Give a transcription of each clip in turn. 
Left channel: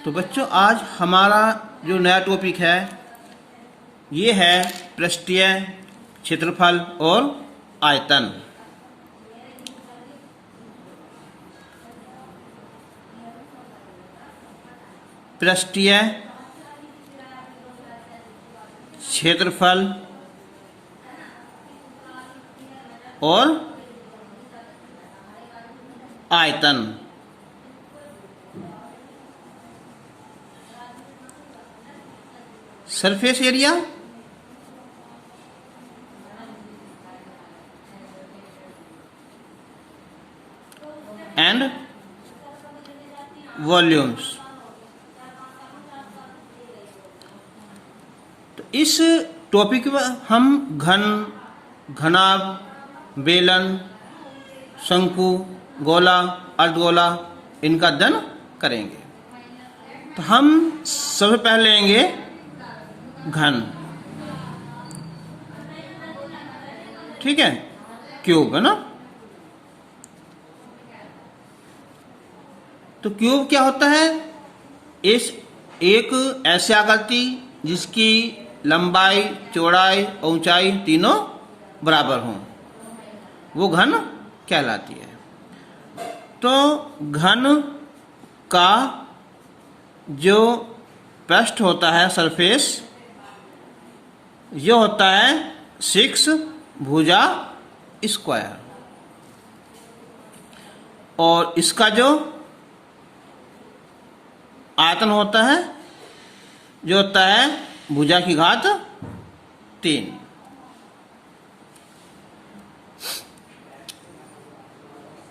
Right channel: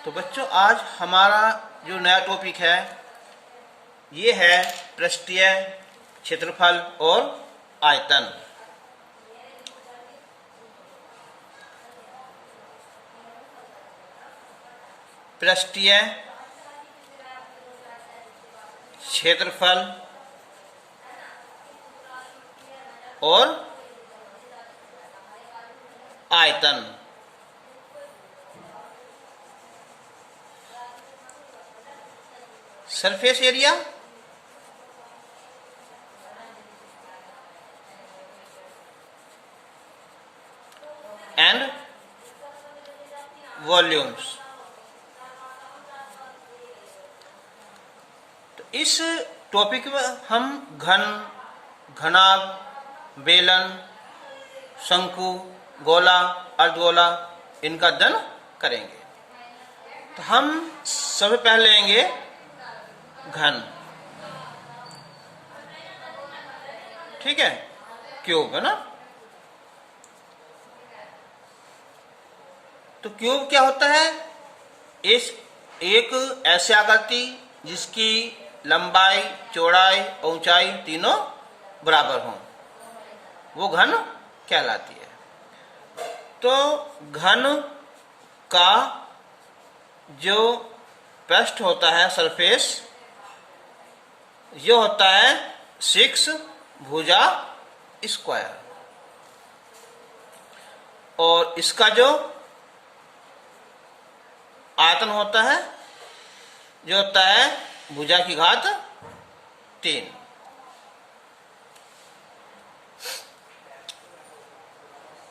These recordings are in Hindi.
तो बच्चों आज हमारा जो नया टॉपिक है ये है पृष्ठीय क्षेत्रफल और आयतन। पृष्ठीय क्षेत्रफल और आयतन। Surface area and volumes. तो इस टॉपिक में हम घन, घनाभ, बेलन, शंकु, गोला, अर्धगोला इनका अध्ययन करेंगे। तो हम सबसे पहले लेंगे घन, ठीक है, क्यूब है ना। तो क्यूब क्या होता है? इस एक ऐसी आकृति जिसकी लंबाई, चौड़ाई और ऊंचाई तीनों बराबर हों, वो घन कहलाती है। तो घन का जो पृष्ठ होता है, सरफेस, ये होता है 6 भुजा स्क्वायर, और इसका जो आयतन होता है जो होता है भुजा की घात 3।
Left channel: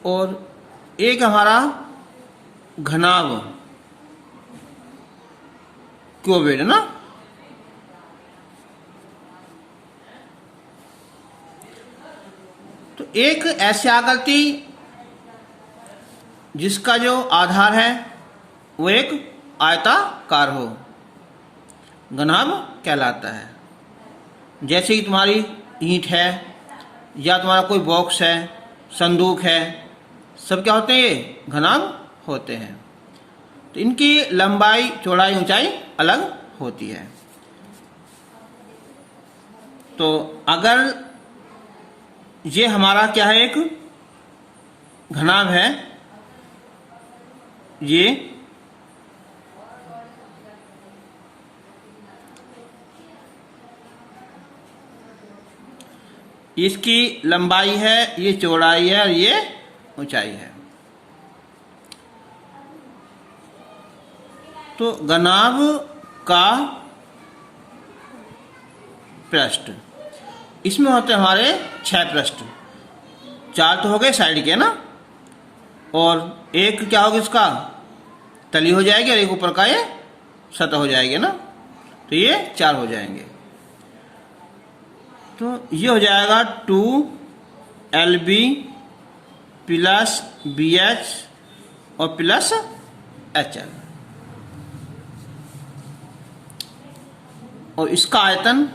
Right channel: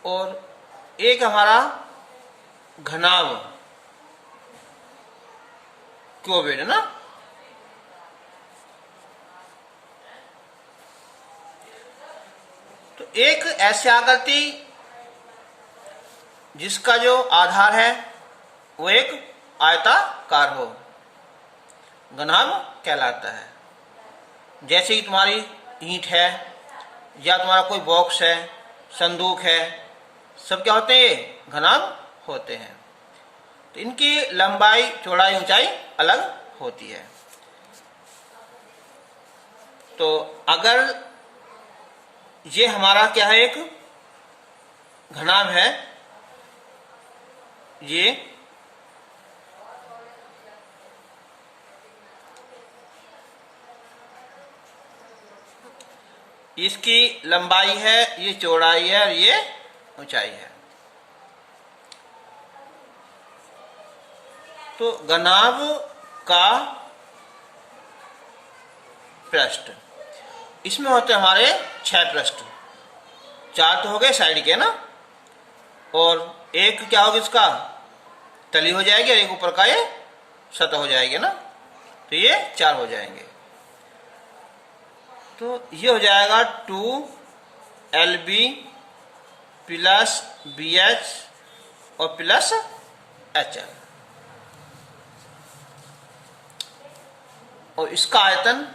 और एक हमारा घनाभ क्यूबिड है ना। तो एक ऐसी आकृति जिसका जो आधार है वो एक आयताकार हो, घनाभ कहलाता है। जैसे कि तुम्हारी ईंट है या तुम्हारा कोई बॉक्स है, संदूक है, सब क्या होते हैं? ये घनाभ होते हैं। तो इनकी लंबाई, चौड़ाई, ऊंचाई अलग होती है। तो अगर ये हमारा क्या है, एक घनाभ है, ये इसकी लंबाई है, ये चौड़ाई है और ये ऊंचाई है। तो घनाभ का पृष्ठ, इसमें होते हैं हमारे 6 पृष्ठ। 4 तो हो गए साइड के ना, और एक क्या होगा, इसका तली हो जाएगी, और एक ऊपर का ये सतह हो जाएगी ना। तो ये 4 हो जाएंगे। तो ये हो जाएगा 2LB प्लस BH और प्लस HL। और इसका आयतन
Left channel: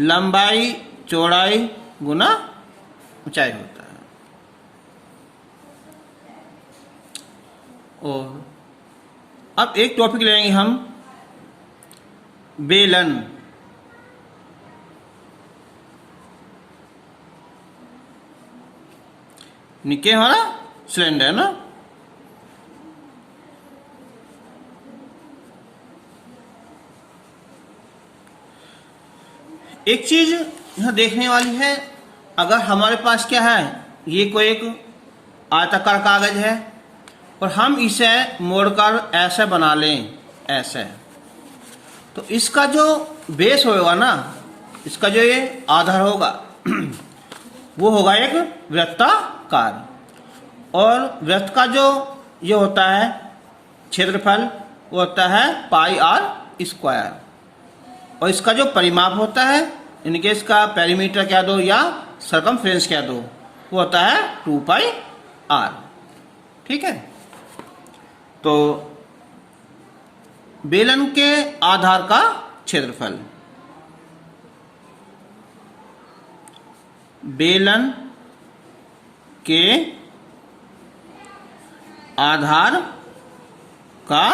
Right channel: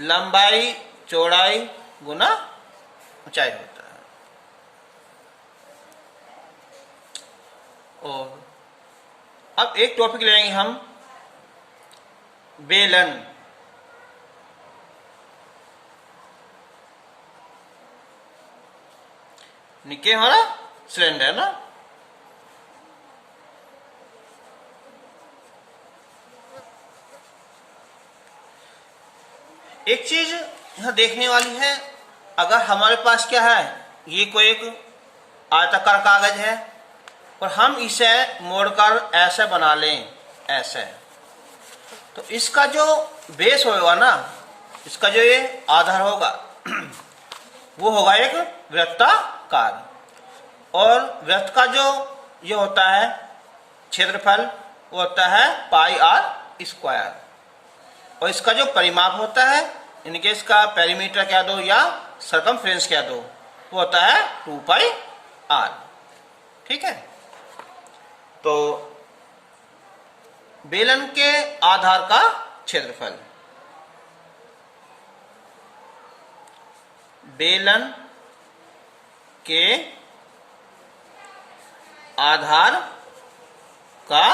लंबाई, चौड़ाई गुना ऊंचाई होता है। और अब एक टॉपिक लेंगे हम, बेलन। नीचे हमारा सिलेंडर ना। एक चीज यहां देखने वाली है, अगर हमारे पास क्या है, ये कोई एक आयताकार कागज है और हम इसे मोड़कर ऐसे बना लें, ऐसे, तो इसका जो बेस होगा ना, इसका जो ये आधार होगा वो होगा एक वृत्ताकार। और वृत्त का जो ये होता है क्षेत्रफल, वो होता है πr²। और इसका जो परिमाप होता है, इनके इसका पेरीमीटर कह दो या सरकमफ्रेंस कह दो, वो होता है 2πr। ठीक है। तो बेलन के आधार का क्षेत्रफल, बेलन के आधार का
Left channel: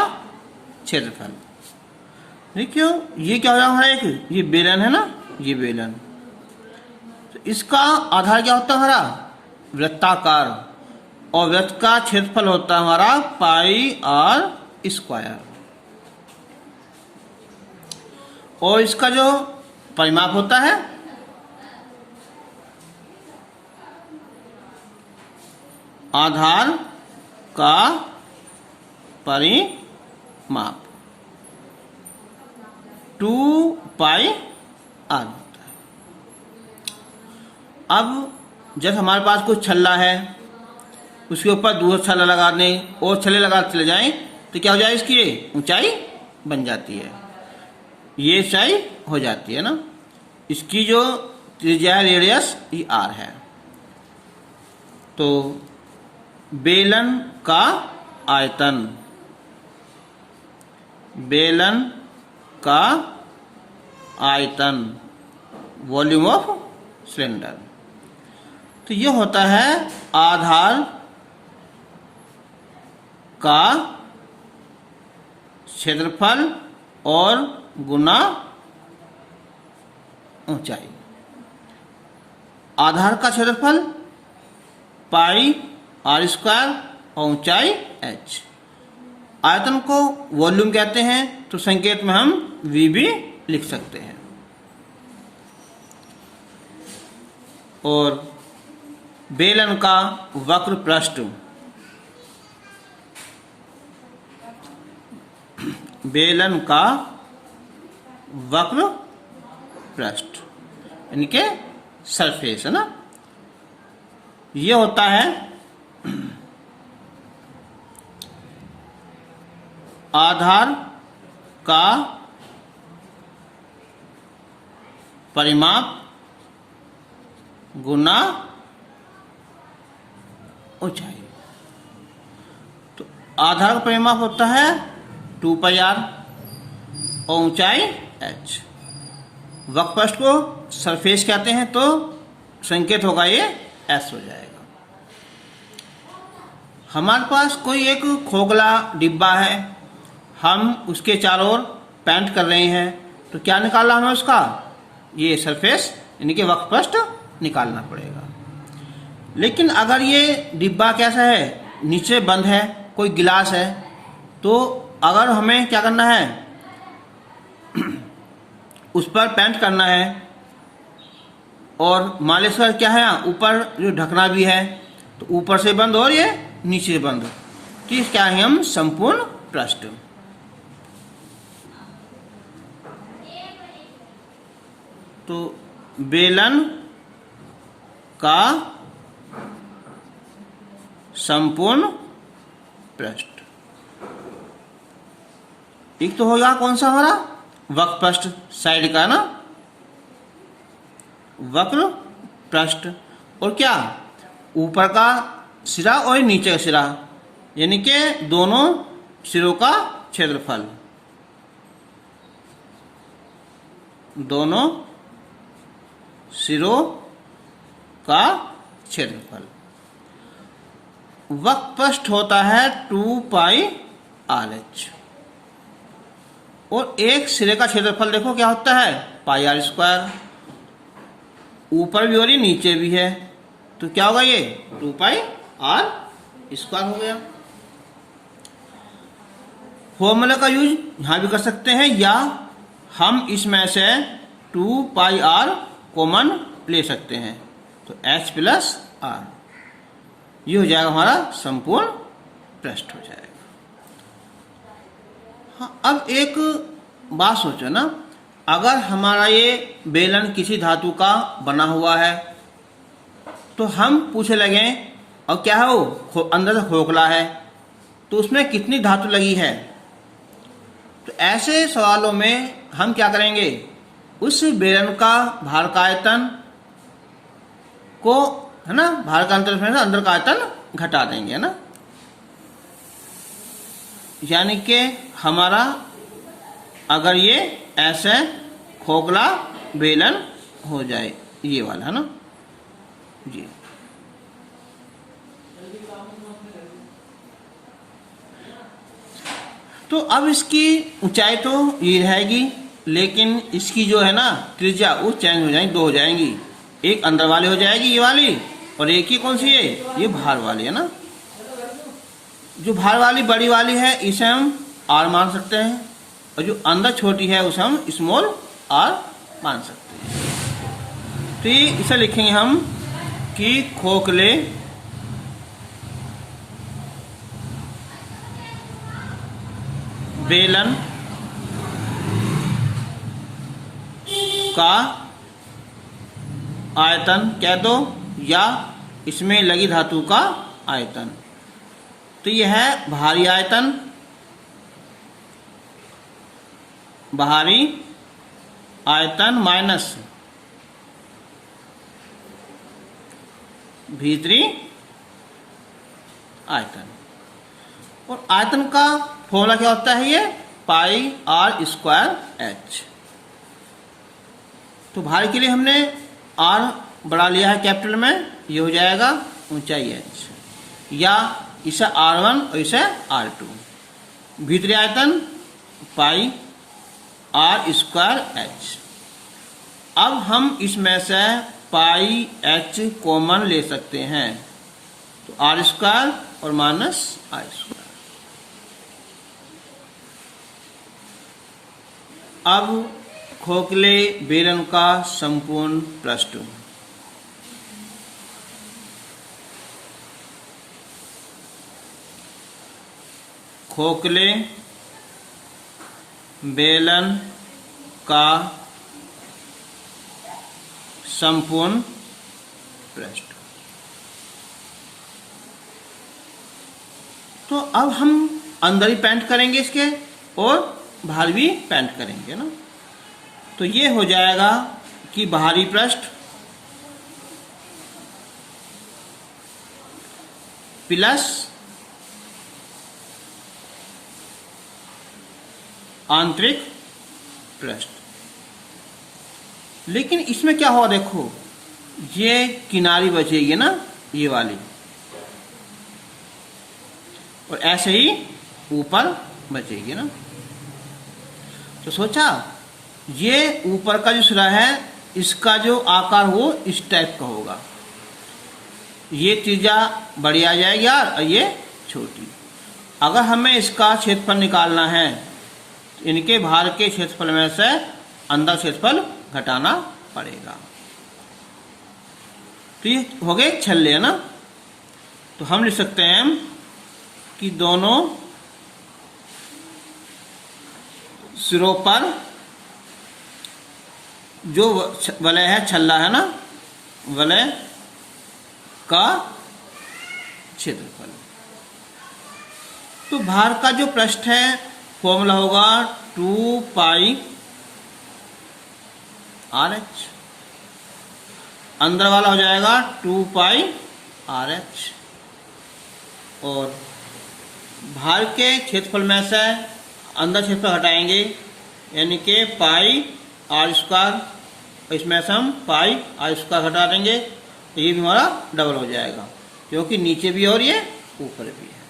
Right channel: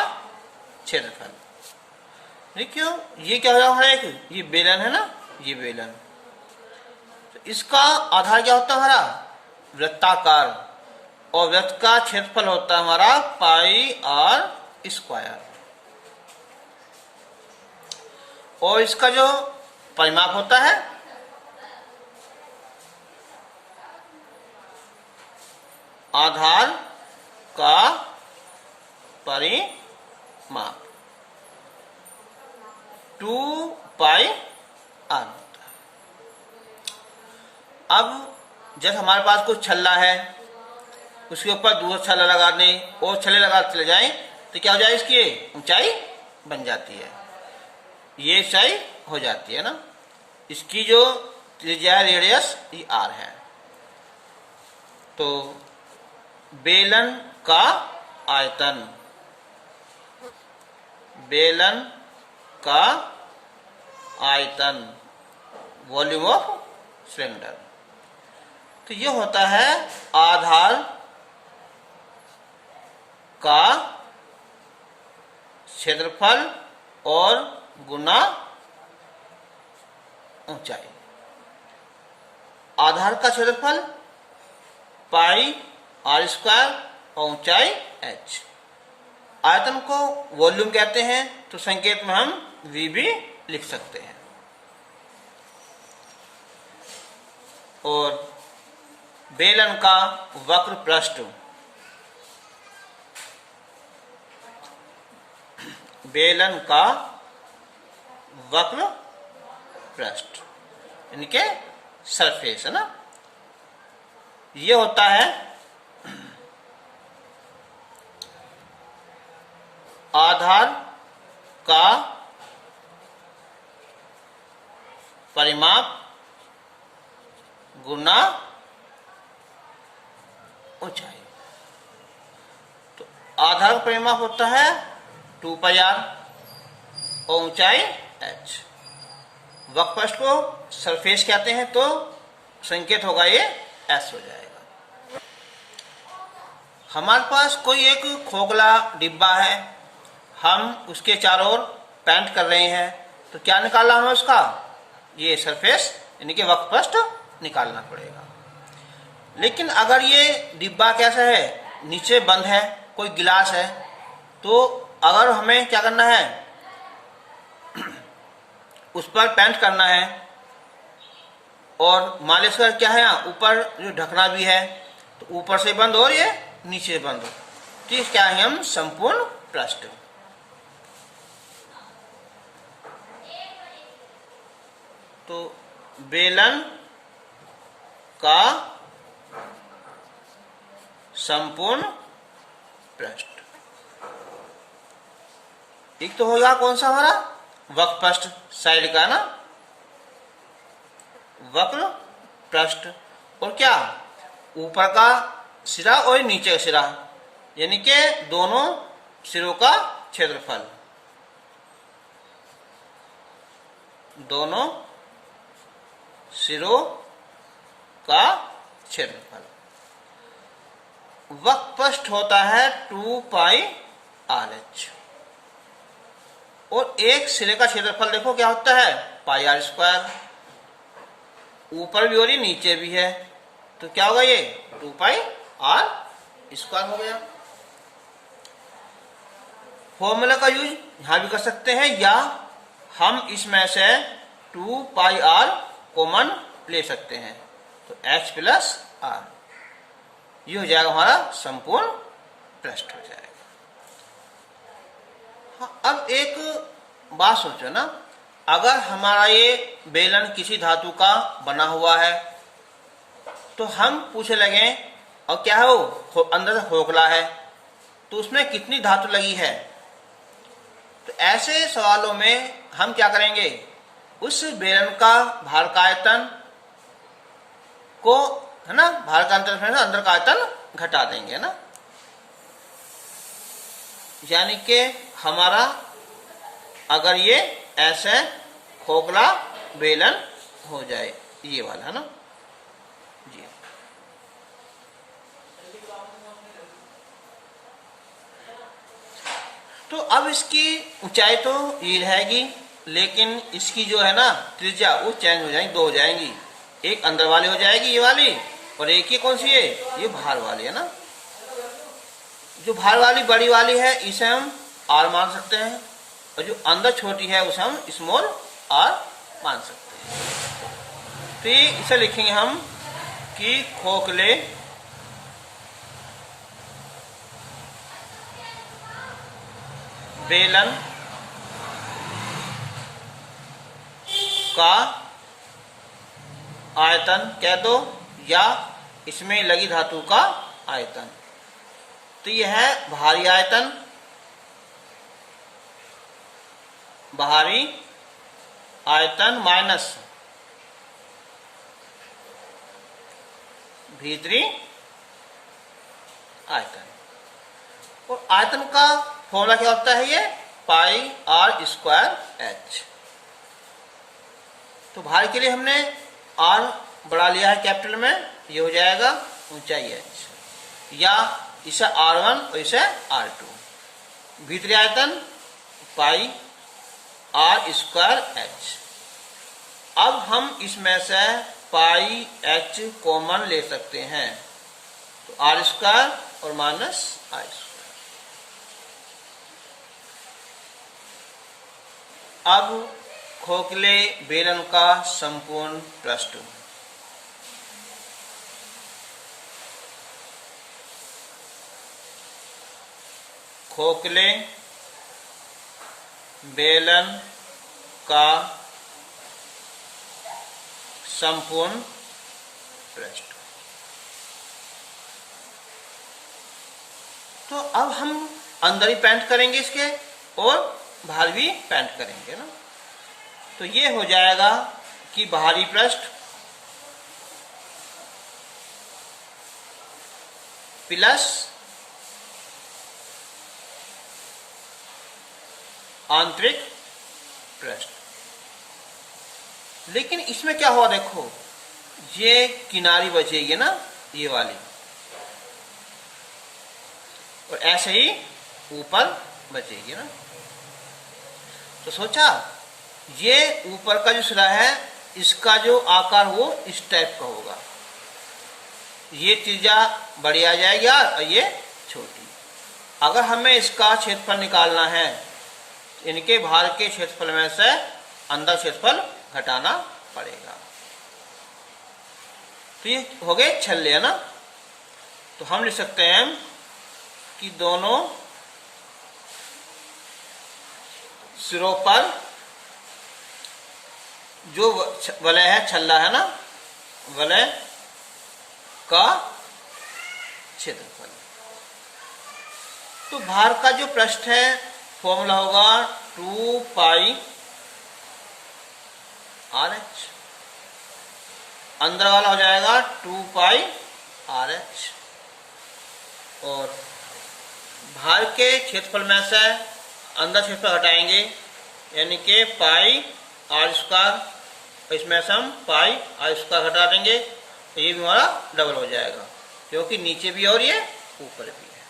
क्षेत्रफल। देखियो ये क्या हो रहा है, एक ये बेलन है ना, ये बेलन, तो इसका आधार क्या होता है हमारा, वृत्ताकार, और वृत्त का क्षेत्रफल होता है हमारा पाई आर स्क्वायर। और इसका जो परिमाप होता है आधार का परिमाप 2 पाई आर होता है। अब जब हमारे पास कोई छल्ला है, उसके ऊपर दूसरा छल्ला लगा दें और छल्ले लगा चले जाएं तो क्या हो जाए, इसकी ऊंचाई बन जाती है, ये ऊंचाई हो जाती है ना। इसकी जो त्रिज्या है, रेडियस, ये आर है। तो बेलन का आयतन, बेलन का आयतन, वॉल्यूम ऑफ सिलेंडर, तो ये होता है आधार का क्षेत्रफल और गुना ऊंचाई। आधार का क्षेत्रफल पाई आर स्क्वायर और ऊंचाई h। आयतन को वॉल्यूम कहते हैं, तो संकेत में हम v भी लिख सकते हैं। और बेलन का वक्र पृष्ठ, बेलन का वक्र पृष्ठ यानी के सरफेस है ना, ये होता है आधार का परिमाप गुना ऊंचाई। तो आधार का परिमाप होता है 2 पाई आर और ऊंचाई h। वक्रपृष्ठ को सरफेस कहते हैं, तो संकेत होगा ये s हो जाएगा। हमारे पास कोई एक खोखला डिब्बा है, हम उसके चारों ओर पेंट कर रहे हैं, तो क्या निकालना हमें उसका, ये सरफेस यानी कि वक्रपृष्ठ निकालना पड़ेगा। लेकिन अगर ये डिब्बा कैसा है, नीचे बंद है, कोई गिलास है, तो अगर हमें क्या करना है, उस पर पेंट करना है, और मालिश का क्या है, ऊपर जो ढकना भी है, तो ऊपर से बंद और ये नीचे बंद, तो ये क्या है, हम संपूर्ण पृष्ठ। तो बेलन का संपूर्ण पृष्ठ, एक तो होगा कौन सा हमारा, वक्र पृष्ठ साइड का ना, वक्र पृष्ठ, और क्या ऊपर का सिरा और नीचे का सिरा, यानी कि दोनों सिरों का क्षेत्रफल, दोनों सिरों का क्षेत्रफल। वक्र पृष्ठ होता है 2 पाई आर एच, और एक सिरे का क्षेत्रफल देखो क्या होता है, पाई आर स्क्वायर, ऊपर भी और नीचे भी है, तो क्या होगा, ये 2 पाई आर स्क्वायर हो गया। फॉर्मूला का यूज यहां भी कर सकते हैं, या हम इसमें से 2 पाई आर कॉमन ले सकते हैं, तो h प्लस आर, ये हो जाएगा हमारा संपूर्ण पृष्ठ हो जाएगा। हाँ, अब एक बात सोचो ना, अगर हमारा ये बेलन किसी धातु का बना हुआ है, तो हम पूछे लगे, और क्या है वो अंदर से खोखला है, तो उसमें कितनी धातु लगी है। तो ऐसे सवालों में हम क्या करेंगे, उस बेलन का भार का आयतन को, है ना, भार का अंतर से अंदर का आयतन घटा देंगे, है ना, यानी कि हमारा अगर ये ऐसे खोखला बेलन हो जाए, ये वाला, है ना जी। तो अब इसकी ऊंचाई तो ये रहेगी, लेकिन इसकी जो है ना त्रिज्या वो चेंज हो जाएगी, दो हो जाएंगी। एक अंदर वाली हो जाएगी ये वाली, और एक ही कौन सी है, ये बाहर वाली है ना। जो बाहर वाली बड़ी वाली है इसे हम आर मान सकते हैं, और जो अंदर छोटी है उसे हम स्मॉल आर मान सकते हैं। तो ये इसे लिखेंगे हम कि खोखले बेलन का आयतन कह दो, या इसमें लगी धातु का आयतन। तो यह है बाहरी आयतन, बाहरी आयतन माइनस भीतरी आयतन। और आयतन का फॉर्मूला क्या होता है, ये पाई आर स्क्वायर एच। तो बाहर के लिए हमने आर बढ़ा लिया है कैपिटल में, ये हो जाएगा ऊंचाई एच, या इसे R1 और इसे R2। भीतरी आयतन पाई आर स्क्वायर एच। अब हम इसमें से पाई एच कॉमन ले सकते हैं, तो आर स्क्वायर और माइनस आर स्क्वायर। अब खोखले बेलन का संपूर्ण पृष्ठ। खोखले बेलन का संपूर्ण पृष्ठ। तो अब हम अंदर ही पेंट करेंगे इसके, और बाहर भी पेंट करेंगे ना। तो ये हो जाएगा कि बाहरी पृष्ठ प्लस आंतरिक पृष्ठ। लेकिन इसमें क्या हुआ देखो, ये किनारी बचेगी ना ये वाली, और ऐसे ही ऊपर बचेगी ना। तो सोचा ये ऊपर का जो सिरा है इसका जो आकार वो इस टाइप का होगा, ये त्रिज्या बड़ी आ जाएगी और ये छोटी। अगर हमें इसका क्षेत्रफल निकालना है, इनके बाहर के क्षेत्रफल में से अंदर क्षेत्रफल घटाना पड़ेगा। तो ये हो गए छल्ले है ना। तो हम लिख सकते हैं कि दोनों सिरों पर जो वलय है, छल्ला है ना, वलय का क्षेत्रफल। तो बाहर का जो पृष्ठ है फॉर्मूला होगा 2 पाई आर एच, अंदर वाला हो जाएगा 2 पाई आर एच, और बाहर के क्षेत्रफल में से अंदर क्षेत्रफल हटाएंगे, यानी कि पाई आर स्क्वायर, इसमें से हम पाई आर स्क्वायर हटा देंगे, तो ये भी हमारा डबल हो जाएगा, क्योंकि नीचे भी और ये ऊपर भी है।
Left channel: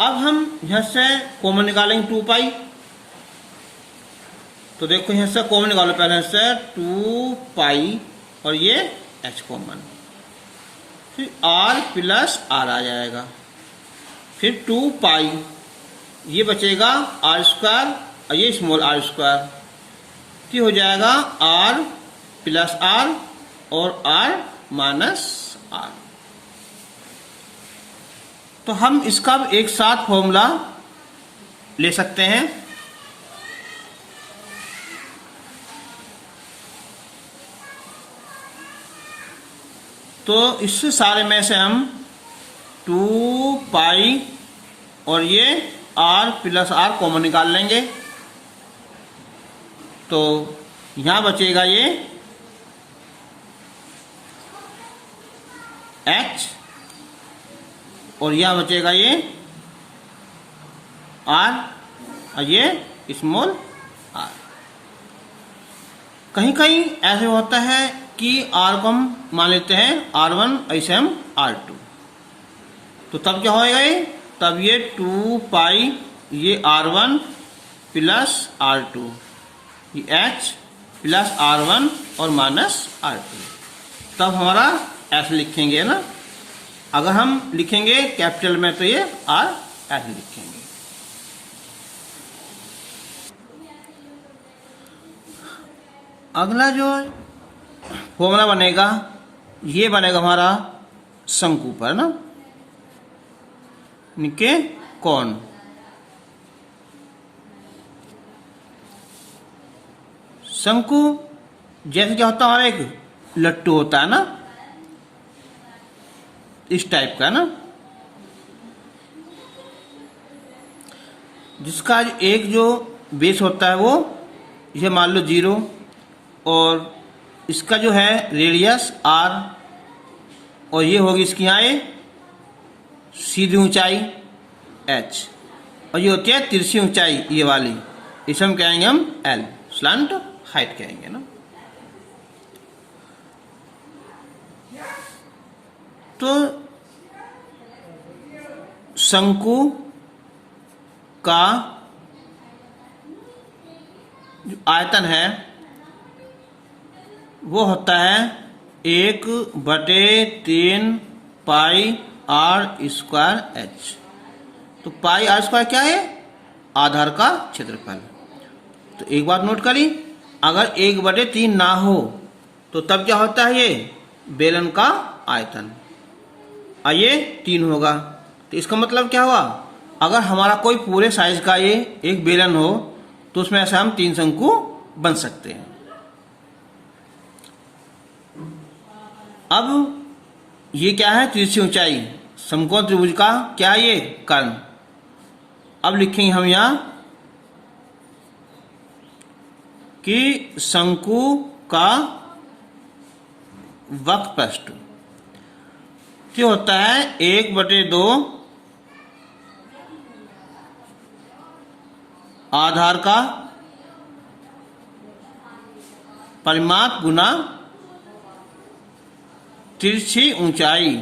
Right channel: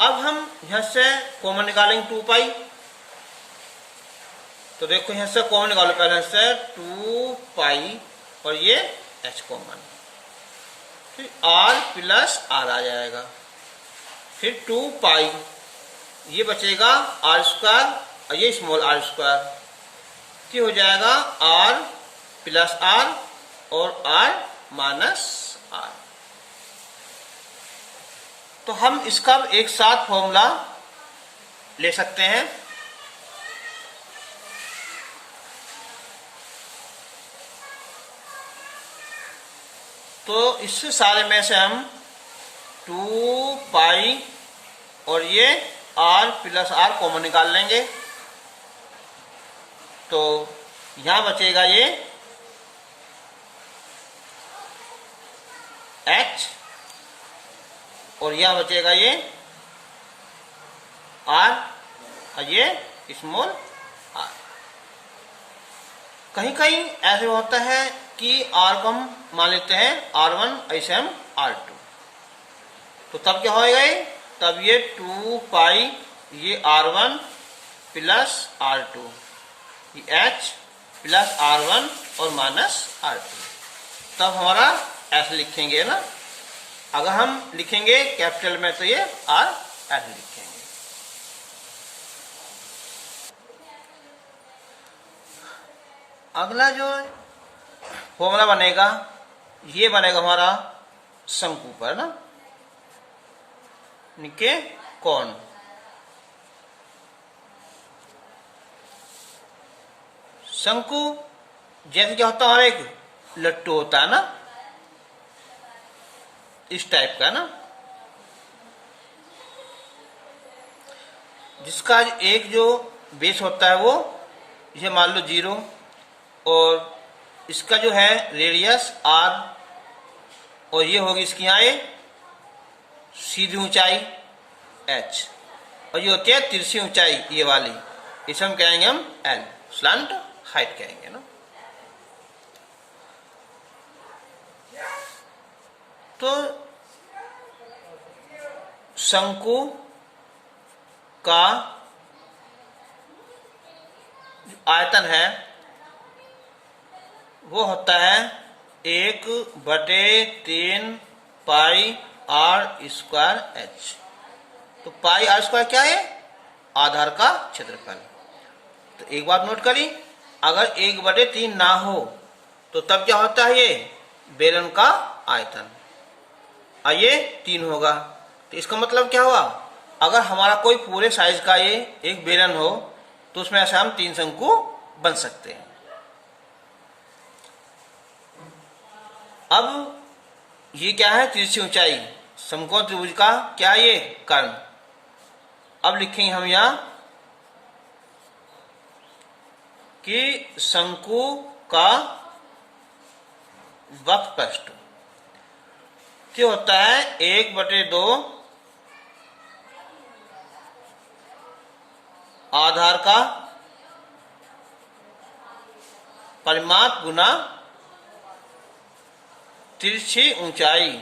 अब हम यहां से कॉमन निकालेंगे 2 पाई। तो देखो यहां से कॉमन निकालो, पहले से 2 पाई और ये एच कॉमन, फिर आर प्लस आर आ जाएगा, फिर 2 पाई, ये बचेगा आर स्क्वायर और ये स्मॉल आर स्क्वायर, तो हो जाएगा आर प्लस आर और आर माइनस आर। तो हम इसका एक साथ फॉर्मूला ले सकते हैं। तो इससे सारे में से हम 2 पाई और ये आर प्लस आर कॉमन निकाल लेंगे, तो यहां बचेगा ये एच और यहां बचेगा ये आर और ये स्मॉल आर। कहीं कहीं ऐसे होता है कि आर को हम मान लेते हैं R1, ऐसे हम R2, तो तब क्या होएगा, ये तब ये 2 पाई ये R1 प्लस R2, ये H प्लस R1 और माइनस R2, तब हमारा ऐसे लिखेंगे ना। अगर हम लिखेंगे कैपिटल में तो ये R ऐसे लिखेंगे। अगला जो फॉर्मूला बनेगा ये बनेगा हमारा शंकु पर ना, निके कौन। शंकु जैसे क्या होता है, हमारा एक लट्टू होता है ना, इस टाइप का ना, जिसका एक जो बेस होता है वो ये मान लो 0, और इसका जो है रेडियस R, और ये होगी इसकी यहाँ ये सीधी ऊंचाई H, और ये होती है तिरछी ऊंचाई ये वाली, इसे हम कहेंगे हम L, स्लैंट हाइट कहेंगे ना। तो शंकु का जो आयतन है वो होता है 1/3 पाई R स्क्वायर H। तो पाई R स्क्वायर क्या है, आधार का क्षेत्रफल। तो एक बात नोट करी, अगर 1/3 ना हो तो तब क्या होता है, ये बेलन का आयतन, और ये 3 होगा। तो इसका मतलब क्या हुआ, अगर हमारा कोई पूरे साइज का ये एक बेलन हो तो उसमें ऐसा हम 3 शंकु बन सकते हैं। अब ये क्या है, तिरछी ऊंचाई, समकोण त्रिभुज का क्या है ये कर्ण। अब लिखेंगे हम यहां कि शंकु का वक्रपृष्ठ क्या होता है, 1/2 आधार का परिमाप गुना तिरछी ऊंचाई।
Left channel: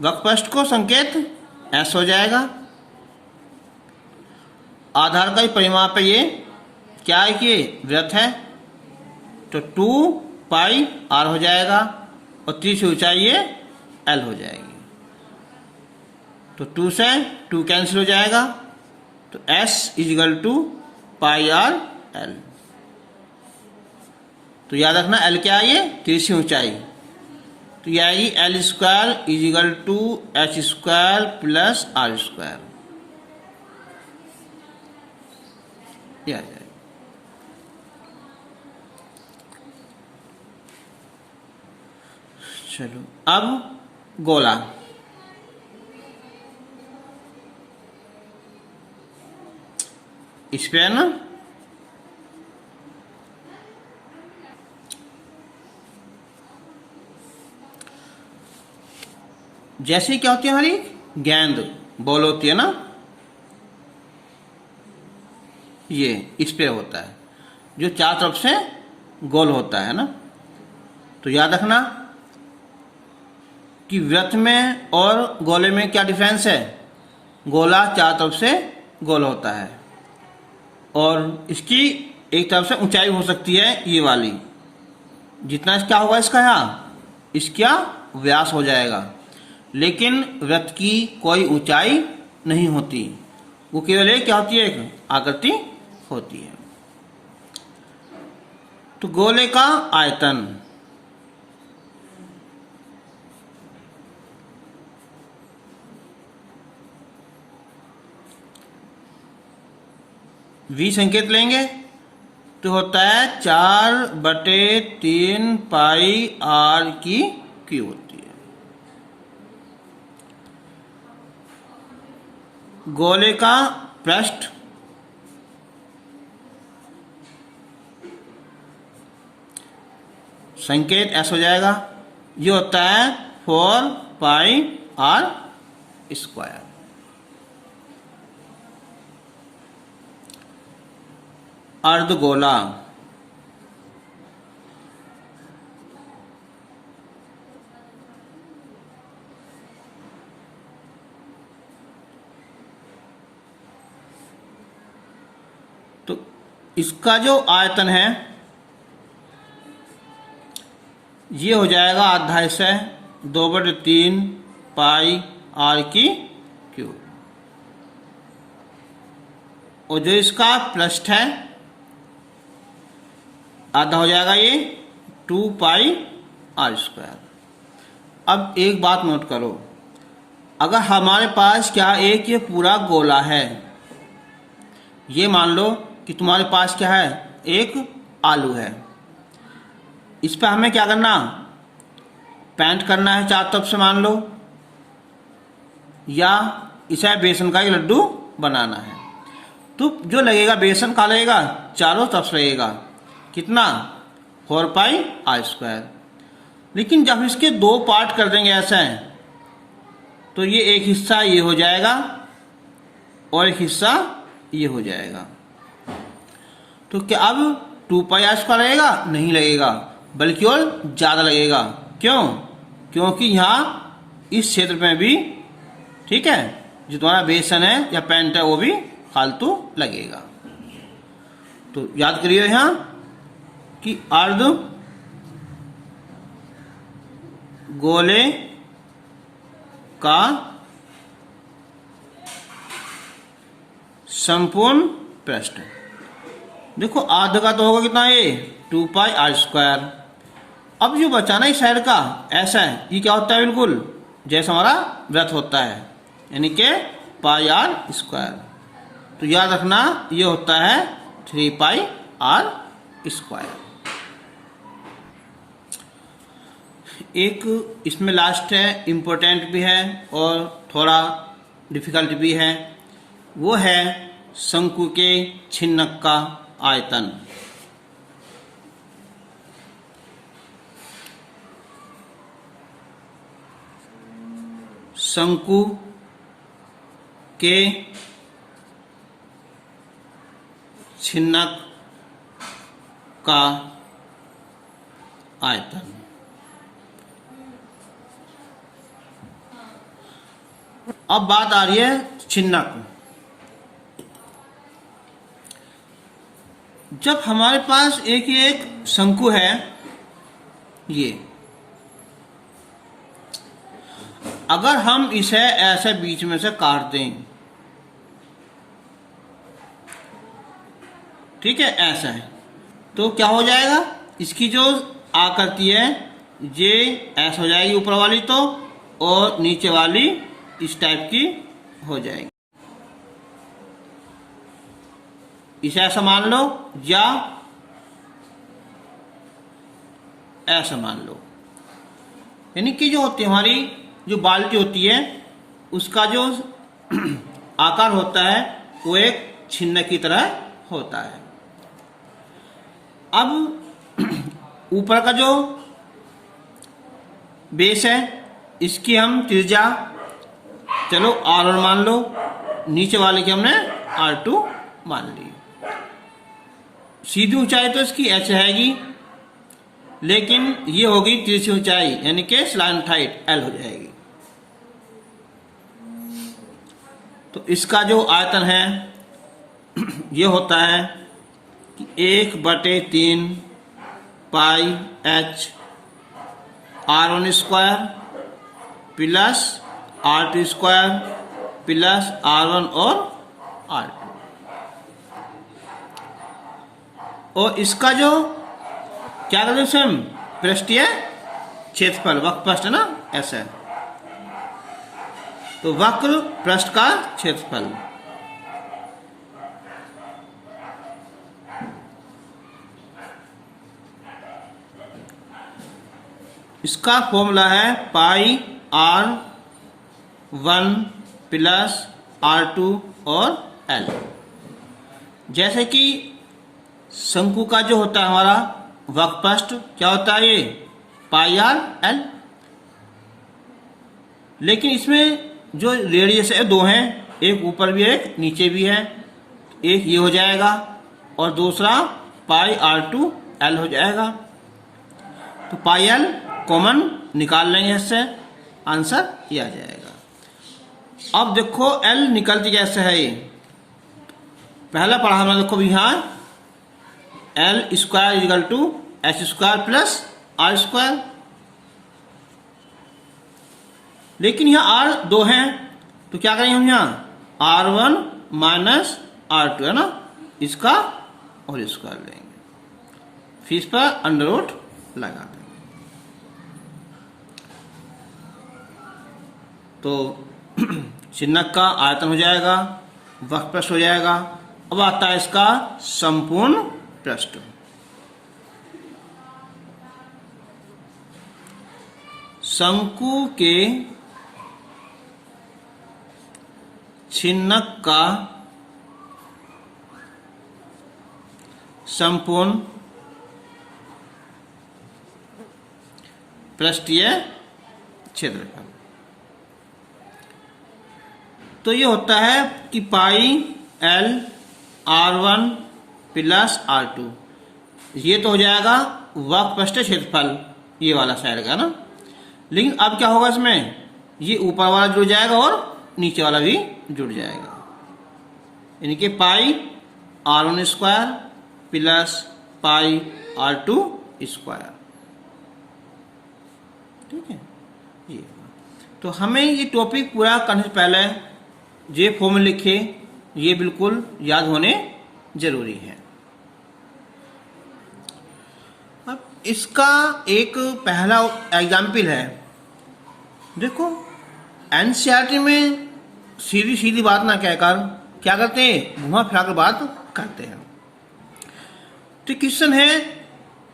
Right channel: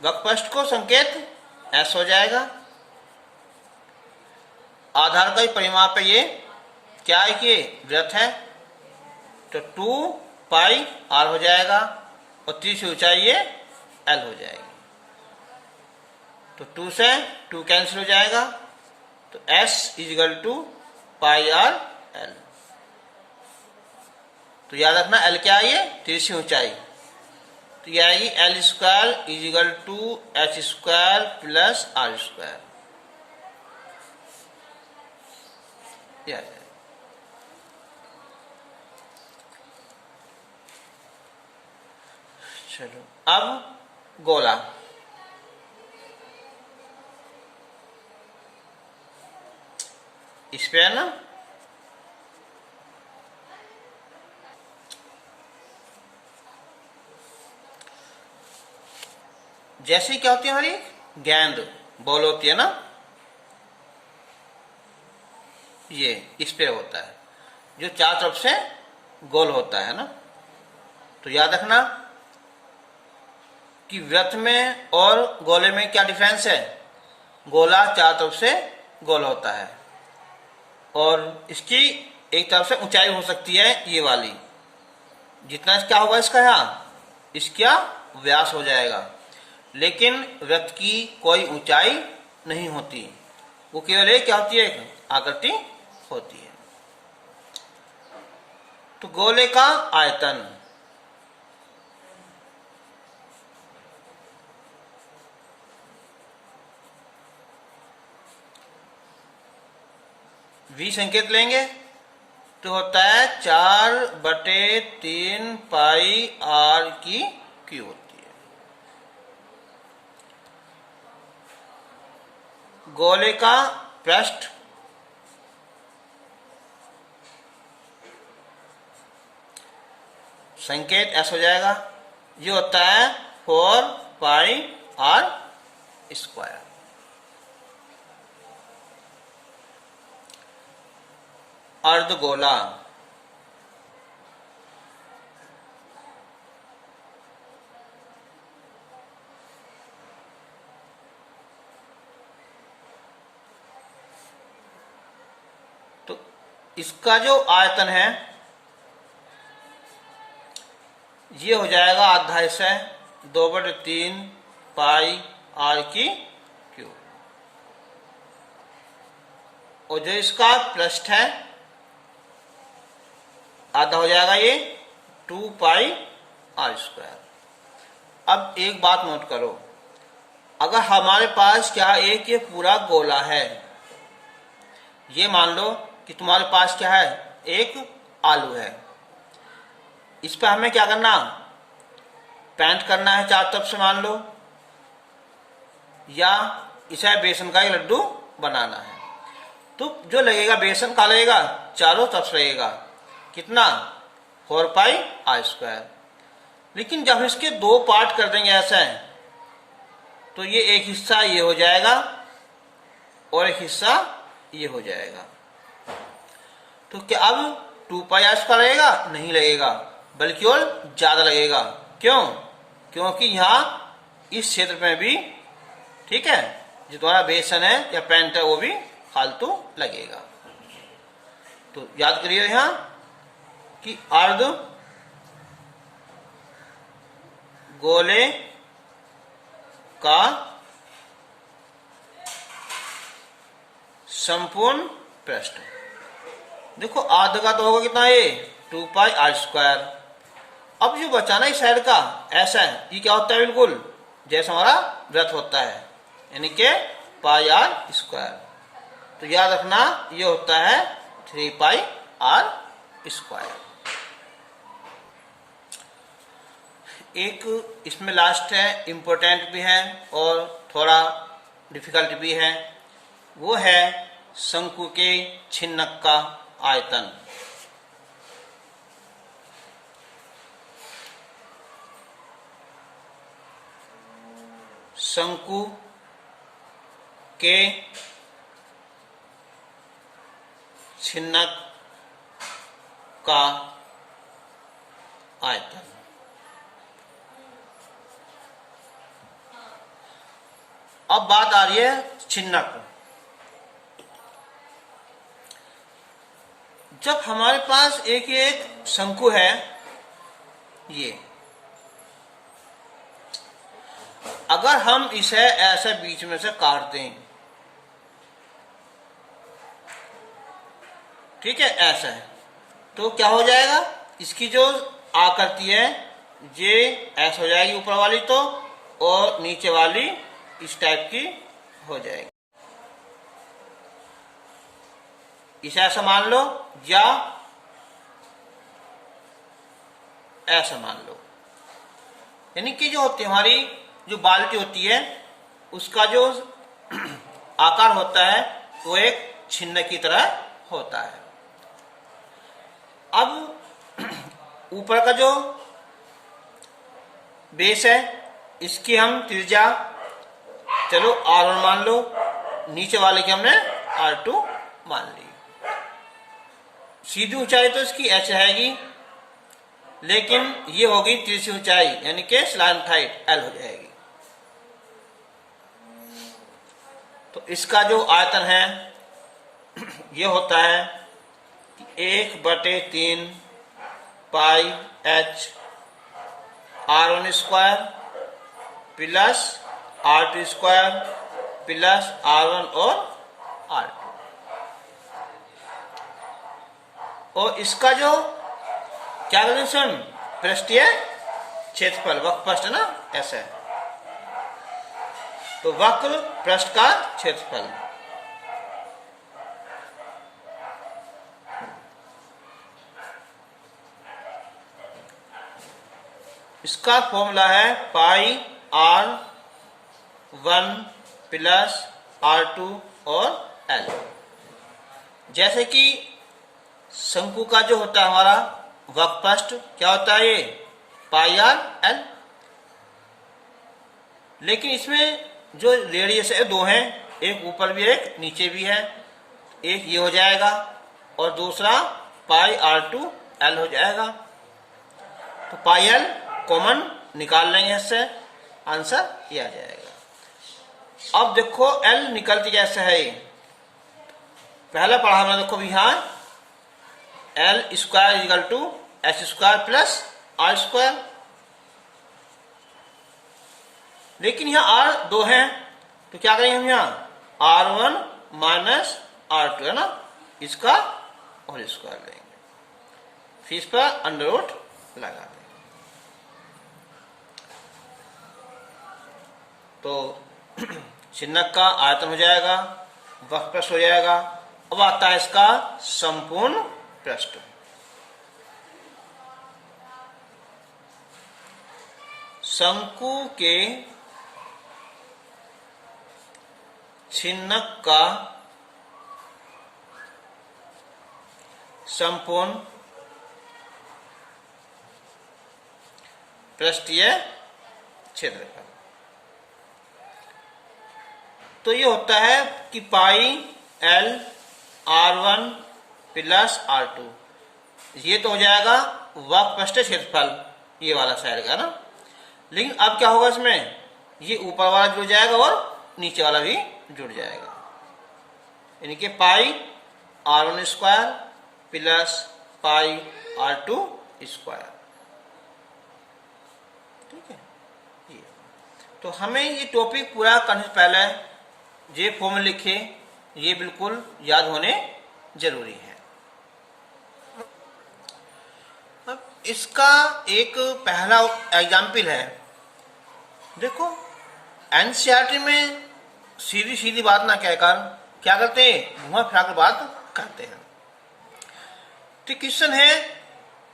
वक्रपृष्ठ को संकेत S हो जाएगा, आधार का ही परिमाप है, ये क्या है कि वृत्त है, तो 2 पाई R हो जाएगा, और तिरछी ऊंचाई ये L हो जाएगी। तो 2 से 2 कैंसिल हो जाएगा, तो S = पाई R L। तो याद रखना L क्या है, ये तिरछी ऊंचाई, तो यह आएगी L² = H² प्लस R²। चलो अब गोला। इस पे है ना, जैसे क्या होती है हमारी गेंद बॉल होती है ना, ये इस पे होता है जो चार तरफ से गोल होता है ना। तो याद रखना कि वृत्त में और गोले में क्या डिफरेंस है, गोला चार तरफ से गोल होता है, और इसकी एक तरफ से ऊंचाई हो सकती है ये वाली, जितना क्या होगा इसका यहाँ, इसका व्यास हो जाएगा, लेकिन वृत्त की कोई ऊंचाई नहीं होती, वो केवल एक क्या होती है, एक आकृति होती है। तो गोले का आयतन V संकेत लेंगे तो होता है 4/3 पाई R की क्यूब होती है। गोले का पृष्ठ संकेत S हो जाएगा, ये होता है 4 पाई R स्क्वायर। अर्धगोला इसका जो आयतन है ये हो जाएगा आधा से 2/3 पाई आर की क्यूब, और जो इसका पृष्ठ है आधा हो जाएगा ये 2 पाई आर स्क्वायर। अब एक बात नोट करो, अगर हमारे पास क्या एक ये पूरा गोला है, ये मान लो कि तुम्हारे पास क्या है एक आलू है, इस पे हमें क्या करना पेंट करना है चारों तरफ से मान लो, या इसे बेसन का ही लड्डू बनाना है, तो जो लगेगा बेसन का लगेगा चारों तरफ से लगेगा कितना 4 पाई आर स्क्वायर। लेकिन जब इसके 2 पार्ट कर देंगे ऐसे तो ये एक हिस्सा ये हो जाएगा और एक हिस्सा ये हो जाएगा, तो क्या अब 2 पाई आर स्क्वायर लगेगा? नहीं लगेगा, बल्कि और ज्यादा लगेगा। क्यों? क्योंकि यहां इस क्षेत्र में भी ठीक है जो तुम्हारा बेसन है या पेंट है वो भी फालतू लगेगा। तो याद करिए यहां कि अर्ध गोले का संपूर्ण पृष्ठ, देखो आधा का तो होगा कितना ये 2 पाई आर स्क्वायर। अब जो बचाना इस साइड का ऐसा है, ये क्या होता है बिल्कुल जैसे हमारा वृत्त होता है, यानी कि पाई आर स्क्वायर। तो याद रखना ये होता है 3 पाई आर स्क्वायर। एक इसमें लास्ट है, इम्पोर्टेंट भी है और थोड़ा डिफिकल्ट भी है, वो है शंकु के छिन्नक का आयतन। शंकु के छिन्नक का आयतन। अब बात आ रही है छिन्नक। जब हमारे पास एक शंकु है, ये अगर हम इसे ऐसे बीच में से काट दें, ठीक है ऐसा है, तो क्या हो जाएगा इसकी जो आकृति है ये ऐसा हो जाएगी ऊपर वाली तो, और नीचे वाली इस टाइप की हो जाएगी। इसे ऐसा मान लो या ऐसा मान लो, यानी कि जो होती है हमारी जो बाल्टी होती है उसका जो आकार होता है वो एक छिन्नक की तरह होता है। अब ऊपर का जो बेस है इसकी हम त्रिज्या चलो R1 मान लो, नीचे वाले की हमने R2 मान ली। सीधी ऊंचाई तो इसकी h रहेगी, लेकिन ये होगी तिरछी ऊंचाई यानी कि स्लैंट हाइट L हो जाएगी। तो इसका जो आयतन है ये होता है कि 1/3 पाई h R1 square plus R2 square plus R1 और R2, और इसका जो क्या करते हैं हम पृष्ठीय क्षेत्रफल वक्र पृष्ठ है ना ऐसा है, तो वक्र पृष्ठ का क्षेत्रफल। इसका फॉर्मूला है पाई R1 प्लस R2 और L। जैसे कि शंकु का जो होता है हमारा वक्र पृष्ठ क्या होता है ये पाई R L, लेकिन इसमें जो रेडियस है 2 हैं, एक ऊपर भी एक नीचे भी है, एक ये हो जाएगा और दूसरा पाई R2 L हो जाएगा। तो पाई L कॉमन निकाल लेंगे, इससे आंसर ये आ जाएगा। अब देखो L निकलती कैसे है, ये पहला पढ़ा हमने, देखो यहां L square equal to H square plus R square. लेकिन यहाँ आर 2 है तो क्या करेंगे हम यहाँ R1 माइनस R2 है ना, इसका होल स्क्वायर लेंगे, फिर इस पर अंडर रूट लगा देंगे। तो चिन्हक का आयतन हो जाएगा, वक्र पृष्ठ हो जाएगा। अब आता है इसका संपूर्ण पृष्ठ। शंकु के चिन्हक का संपूर्ण पृष्ठीय क्षेत्रफल। तो ये होता है कि pi L R1 plus R2, ये तो हो जाएगा वक्र पृष्ठीय क्षेत्रफल, ये वाला साइड का ना। लेकिन अब क्या होगा इसमें, ये ऊपर वाला जुड़ जाएगा और नीचे वाला भी जुड़ जाएगा, यानी कि पाई R1 square plus pi R2 square. ठीक है, ये तो हमें ये टॉपिक पूरा करने से पहले ये फॉर्मूला लिखे, ये बिल्कुल याद होने जरूरी है। अब इसका एक पहला एग्जाम्पल है, देखो एनसीईआरटी में सीधी सीधी बात ना कहकर क्या करते हैं, घुमा फिरा कर बात करते हैं। तो क्वेश्चन है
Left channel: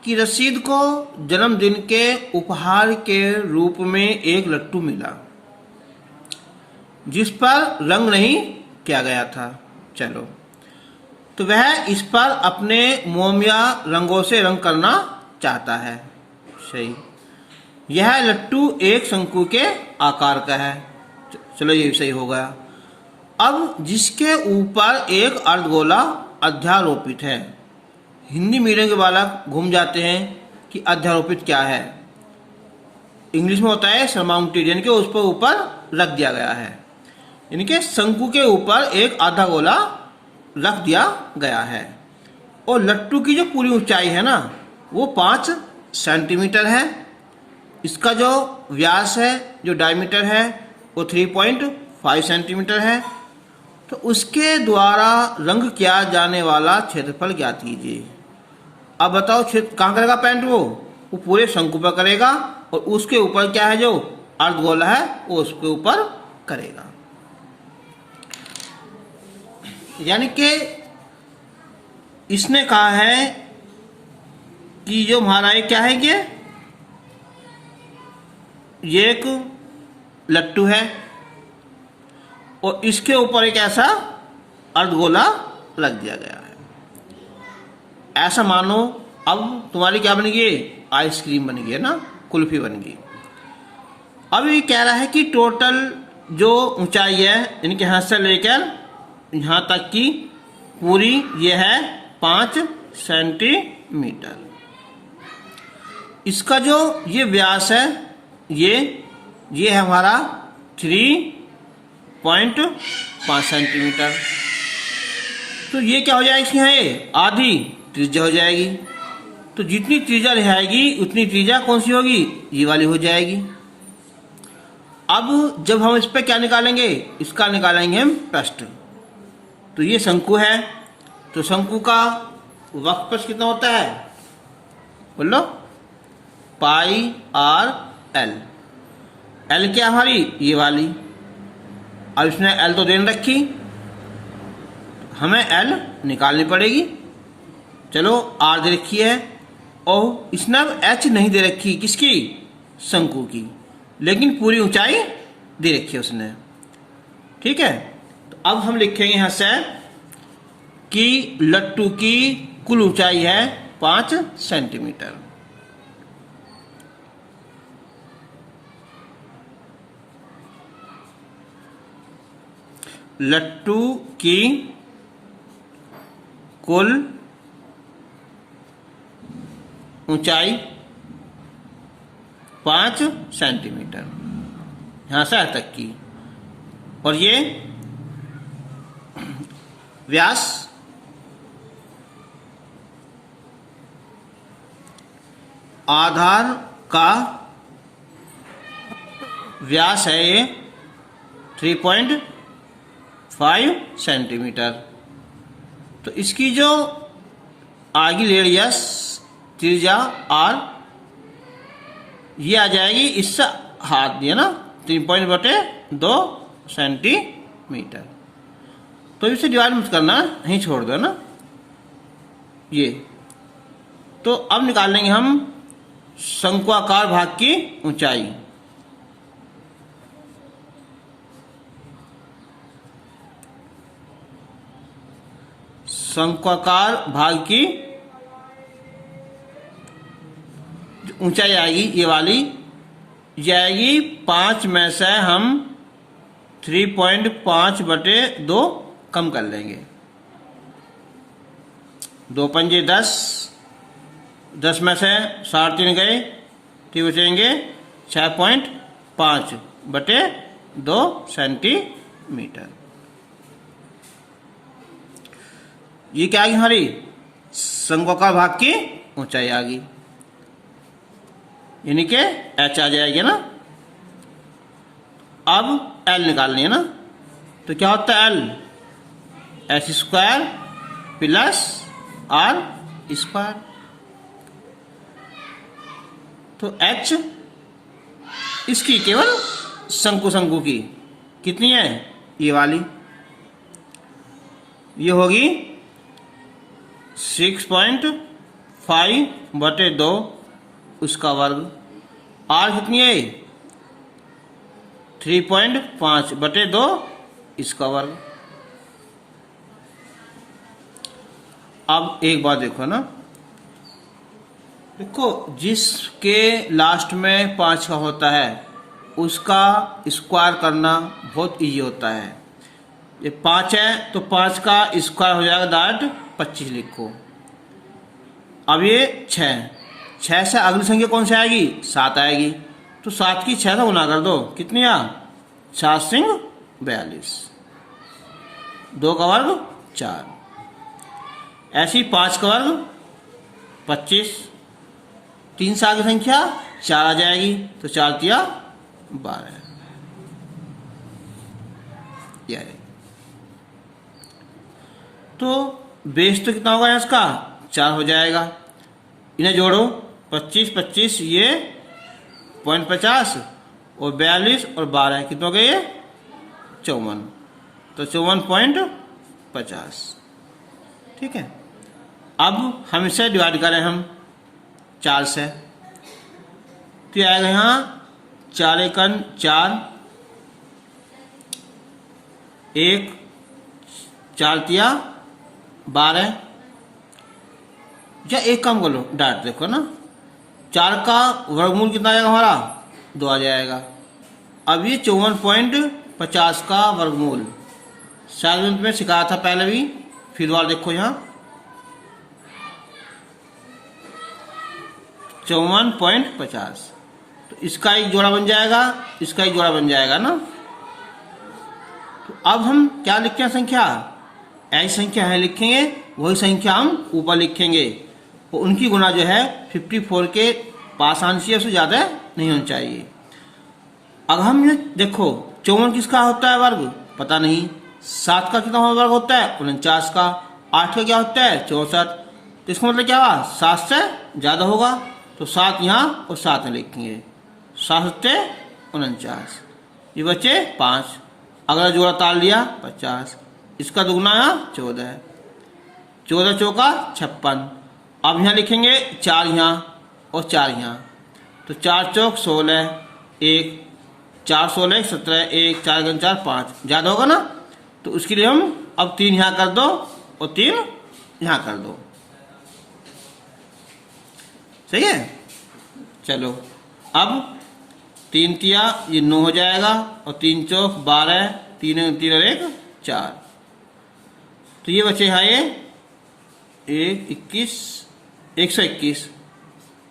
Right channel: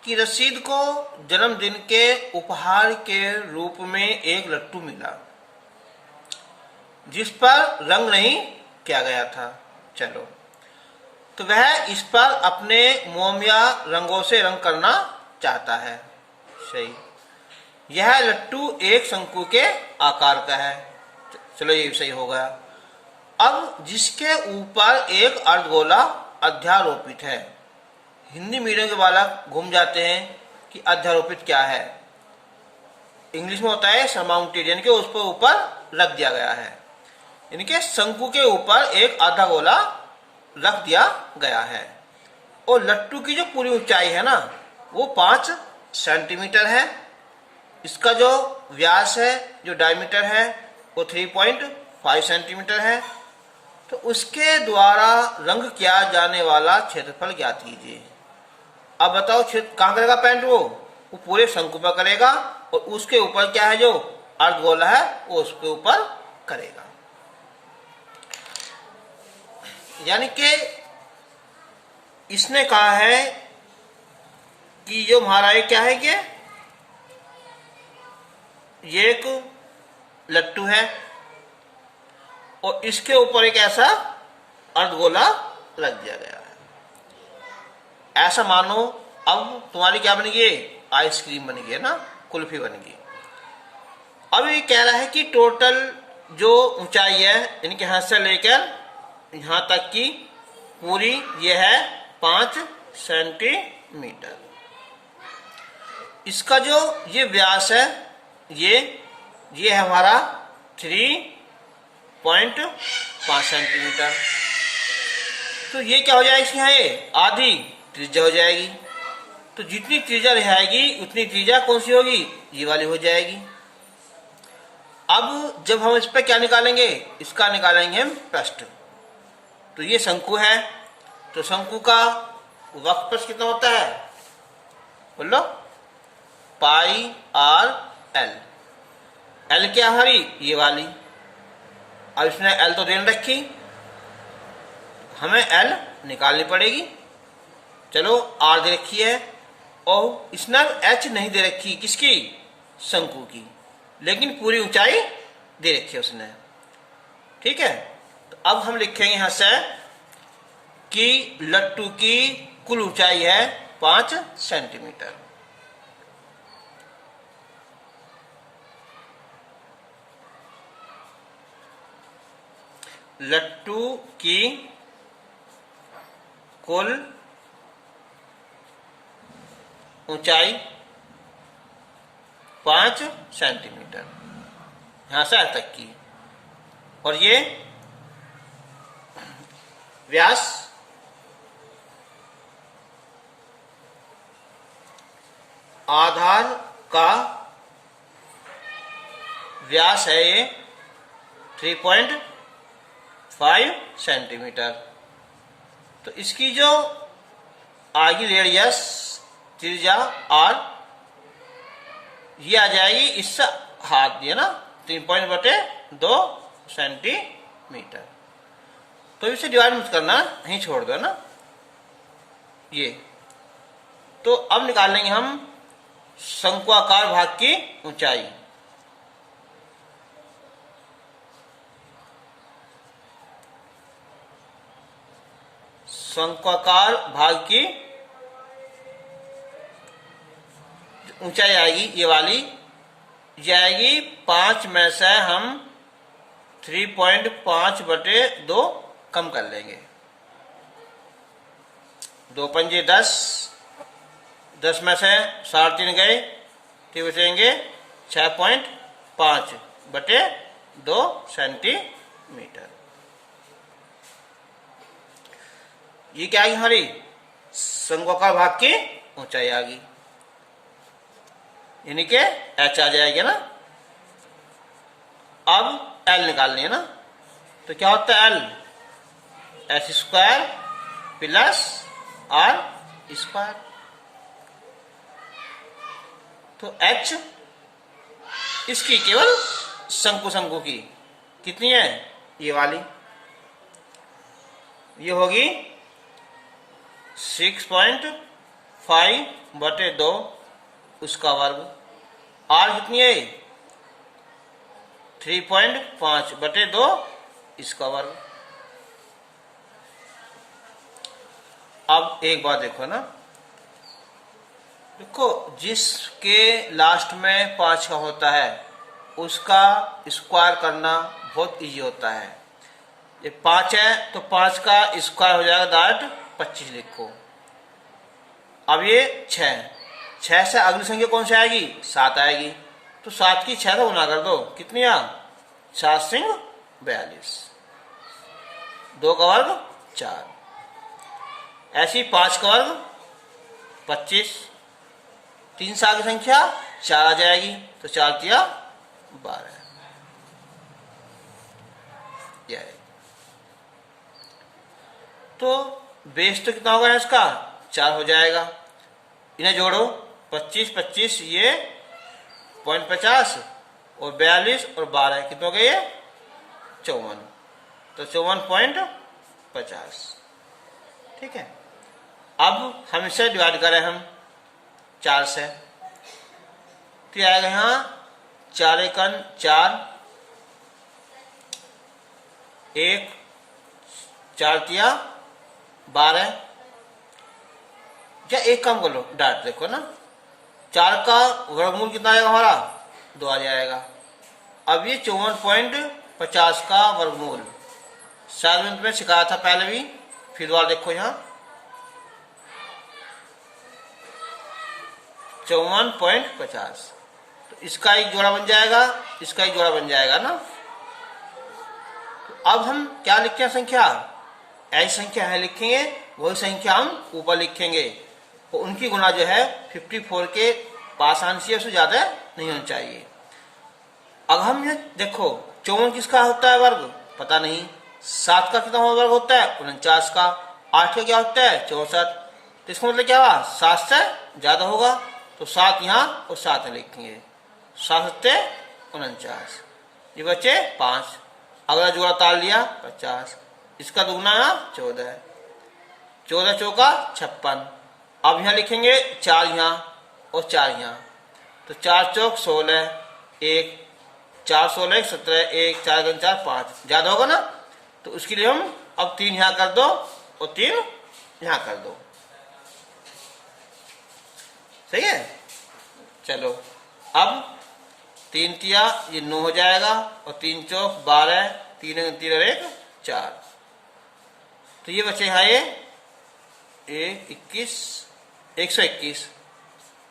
कि रशीद को जन्मदिन के उपहार के रूप में एक लट्टू मिला जिस पर रंग नहीं किया गया था। चलो, तो वह इस पर अपने मोम या रंगों से रंग करना चाहता है। सही, यह लट्टू एक शंकु के आकार का है। चलो, ये सही हो गया। अब जिसके ऊपर एक अर्धगोला अध्यारोपित है, हिंदी मीडियम के बालक घूम जाते हैं कि अध्यारोपित क्या है। इंग्लिश में होता है सरमाउंटेड, यानी कि उस पर ऊपर रख दिया गया है, यानी कि शंकु के ऊपर एक आधा गोला रख दिया गया है। और लट्टू की जो पूरी ऊंचाई है ना, वो 5 सेंटीमीटर है। इसका जो व्यास है, जो डायमीटर है, वो 3.5 सेंटीमीटर है। तो उसके द्वारा रंग किया जाने वाला क्षेत्रफल ज्ञात कीजिए। अब बताओ कहाँ करेगा पेंट, वो पूरे शंकु पर करेगा, और उसके ऊपर क्या है, जो अर्धगोला है, वो उसके ऊपर करेगा। यानी कि इसने कहा है कि जो हमारा ये क्या है, ये एक लट्टू है और इसके ऊपर एक ऐसा अर्धगोला लग दिया गया है। ऐसा मानो अब तुम्हारी क्या बनेगी, आइसक्रीम बनेगी, है ना, कुल्फी बनेगी। अब ये कह रहा है कि टोटल जो ऊंचाई है, इनके हाथ से लेकर यहां तक की पूरी ये है 5 सेंटीमीटर। इसका जो ये व्यास है, ये है हमारा 3.5 सेंटीमीटर। तो ये क्या हो जाएगा, इसकी यहाँ ये आधी त्रिज्या हो जाएगी। तो जितनी त्रिज्या रहेगी उतनी त्रिज्या कौन सी होगी, ये वाली हो जाएगी। अब जब हम इस पर क्या निकालेंगे, इसका निकालेंगे हम पृष्ठ। तो ये शंकु है, तो शंकु का वक्र पृष्ठ कितना होता है, बोलो, पाई आर एल। एल क्या हमारी, ये वाली। अब इसने एल तो देन रखी, हमें एल निकालनी पड़ेगी। चलो, आर दे रखी है, और इसने एच नहीं दे रखी, किसकी, शंकु की, लेकिन पूरी ऊंचाई दे रखी है उसने। ठीक है, तो अब हम लिखेंगे यहां से कि लट्टू की कुल ऊंचाई है 5 सेंटीमीटर। लट्टू की कुल ऊंचाई 5 सेंटीमीटर, यहां से तक की, और ये व्यास आधार का व्यास है ये 3.5 सेंटीमीटर। तो इसकी जो आगे रेडियस त्रिज्या आर ये आ जाएगी, इससे हाथ दिया ना 3.2 सेंटीमीटर। तो इसे डिवाइड मत करना, यहीं छोड़ दो ना ये। तो अब निकाल लेंगे हम शंक्वाकार भाग की ऊंचाई। शंक्वाकार भाग की ऊंचाई आएगी ये वाली, जाएगी 5 में से हम 3.5/2 कम कर लेंगे। 2 पंजे 10, 10 में से 3.5 गए, तो बचेंगे 6.5/2 सेंटीमीटर। ये क्या है हमारी शंक्वाकार भाग की ऊंचाई आ गई, यानी कि h आ जाएगी ना। अब l निकालनी है ना, तो क्या होता है l, h² प्लस r²। तो h इसकी केवल शंकु की कितनी है, ये वाली, ये होगी 6.5/2 उसका वर्ग। r कितनी है, 3.5/2 इसका वर्ग। अब एक बात देखो ना, देखो जिसके लास्ट में 5 का होता है उसका स्क्वायर करना बहुत इजी होता है। ये 5 है तो 5 का स्क्वायर हो जाएगा डायरेक्ट 25 लिखो। अब ये 6 से अगली संख्या कौन सी आएगी, 7 आएगी, तो 7 की 6 से गुना कर दो, कितनी आ 7 सिंह 42, 2 का वर्ग 4, ऐसी 5 का वर्ग 25, 3 से आगे संख्या 4 आ जाएगी, तो 4 तिया 12। यह तो बेस तो कितना होगा इसका, 4 हो जाएगा। इन्हें जोड़ो, 25 ये 0.50 और 42 और 12 कितना हो गए ये 54, तो 54.50। ठीक है। अब हम इसे डिवाइड करें हम 4 से, तो आएगा यहाँ 4 एकन 4, 1 4 तिया 12, या एक काम कर लो डायरेक्ट, देखो ना 4 का वर्गमूल कितना आएगा हमारा 2 आ जाएगा। अब ये 54.50 का वर्गमूल शायद में सिखाया था पहले भी, फिर दोबारा देखो यहाँ 54.50, तो इसका एक जोड़ा बन जाएगा, इसका एक जोड़ा बन जाएगा ना। तो अब हम क्या लिखें संख्या, ऐसी संख्या है लिखेंगे, वही संख्या हम ऊपर लिखेंगे, तो उनकी गुना जो है 54 के पास आंसर से उससे ज्यादा नहीं होना चाहिए। अब हम ये देखो 54 किसका होता है वर्ग, पता नहीं। 7 का कितना वर्ग होता है 49 का, 8 का क्या होता है 64, तो इसका मतलब क्या हुआ 7 से ज्यादा होगा, तो 7 यहाँ और 7 में लिखेंगे, 7 से 49, ये बचे 5, अगला जोड़ा ताल लिया 50, इसका दुगना यहाँ 14, 14 चौका 56। अब यहाँ लिखेंगे 4 यहाँ और 4 यहाँ, तो 4 चौक 16, 1 4 16 17, 1 4 2 4 5, ज्यादा होगा ना, तो उसके लिए हम अब 3 यहाँ कर दो और 3 यहाँ कर दो, सही है। चलो अब 3 तिया ये 9 हो जाएगा, और 3 चौक 12, 3 3 और 1 4, तो ये बचे यहाँ ये 121,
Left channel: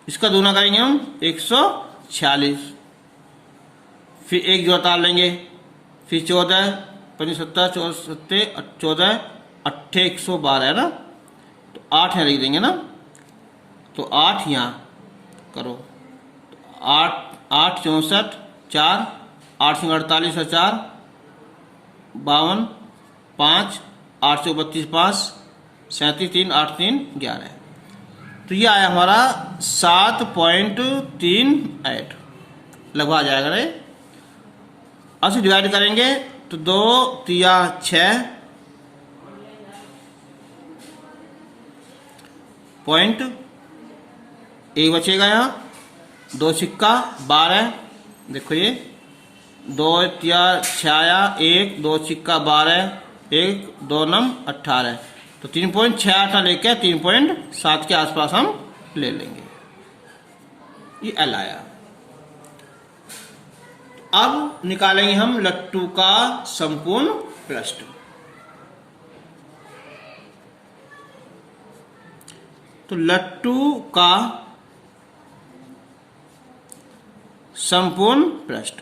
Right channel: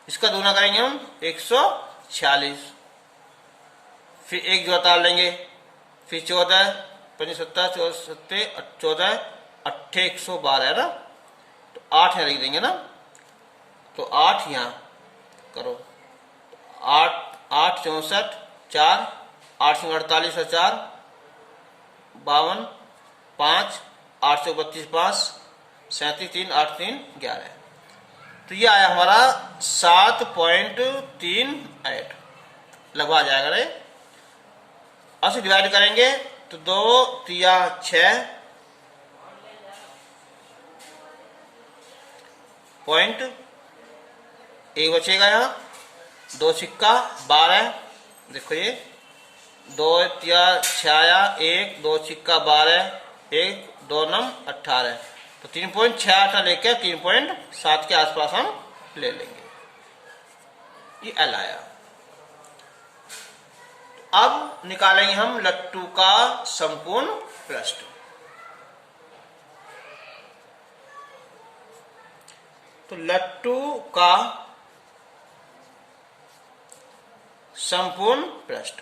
इसका दूना करेंगे हम 146, फिर एक जोड़ा तार लेंगे, फिर 14 5 17 14 8 112 है ना, तो 8 यहाँ लिख देंगे ना, तो 8 यहाँ करो। 8 8 64 4 8 48 और 4 52 5 8 32 5 37 3 8 3 11। तो ये आया हमारा 7.38 लगभग आ जाएगा रे। अब से डिवाइड करेंगे तो 2 3 6 पॉइंट 1 बचेगा यहाँ। 2 सिक्का 12, देखो ये 2 3 6 1 2 सिक्का 12 1 2 9 18, तो 3.68 लेकर 3.7 के आसपास हम ले लेंगे। ये एल आया। अब निकालेंगे हम लट्टू का संपूर्ण पृष्ठ। तो लट्टू का संपूर्ण पृष्ठ,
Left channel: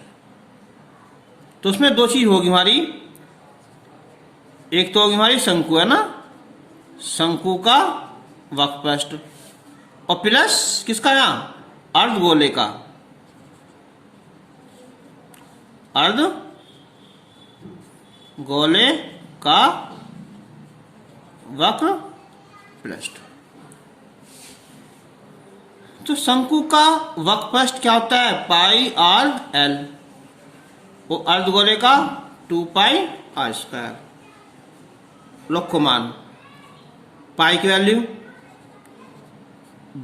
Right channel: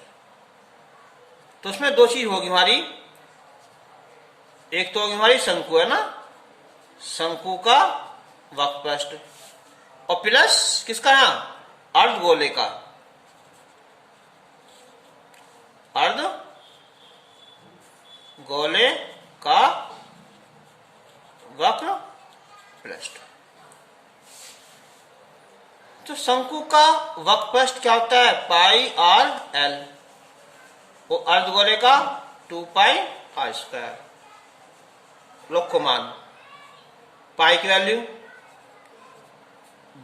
तो उसमें दो चीज होगी हमारी। एक तो होगी हमारी शंकु, है ना, शंकु का वक्र पृष्ठ, और प्लस किसका यहां अर्धगोले का, अर्धगोले का वक्र पृष्ठ। तो शंकु का वक्र पृष्ठ क्या होता है, पाई आर एल, वो अर्धगोले का 2 पाई आर स्क्वायर। लोग मान पाई की वैल्यू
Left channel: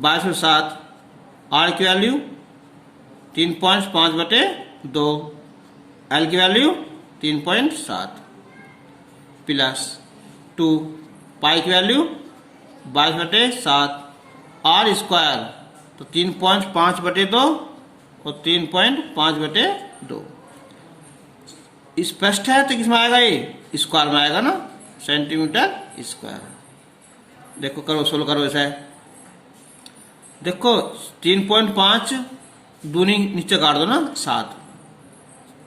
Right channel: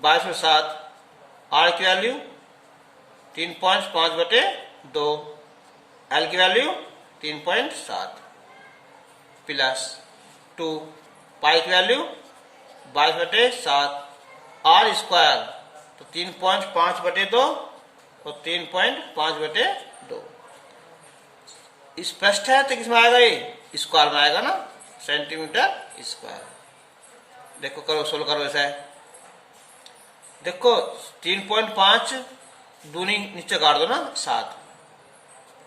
22/7, आर की वैल्यू 3.5/2, एल की वैल्यू 3.7 प्लस 2, पाई की वैल्यू 22/7, आर स्क्वायर तो 3.5/2 और 3.5/2। इस पृष्ठ है तो किसमें आएगा, ये स्क्वायर में आएगा ना, सेंटीमीटर स्क्वायर। देखो करो, सोल्व करो ऐसा है। देखो 3.5 दूनी नीचे काट दो ना, 7,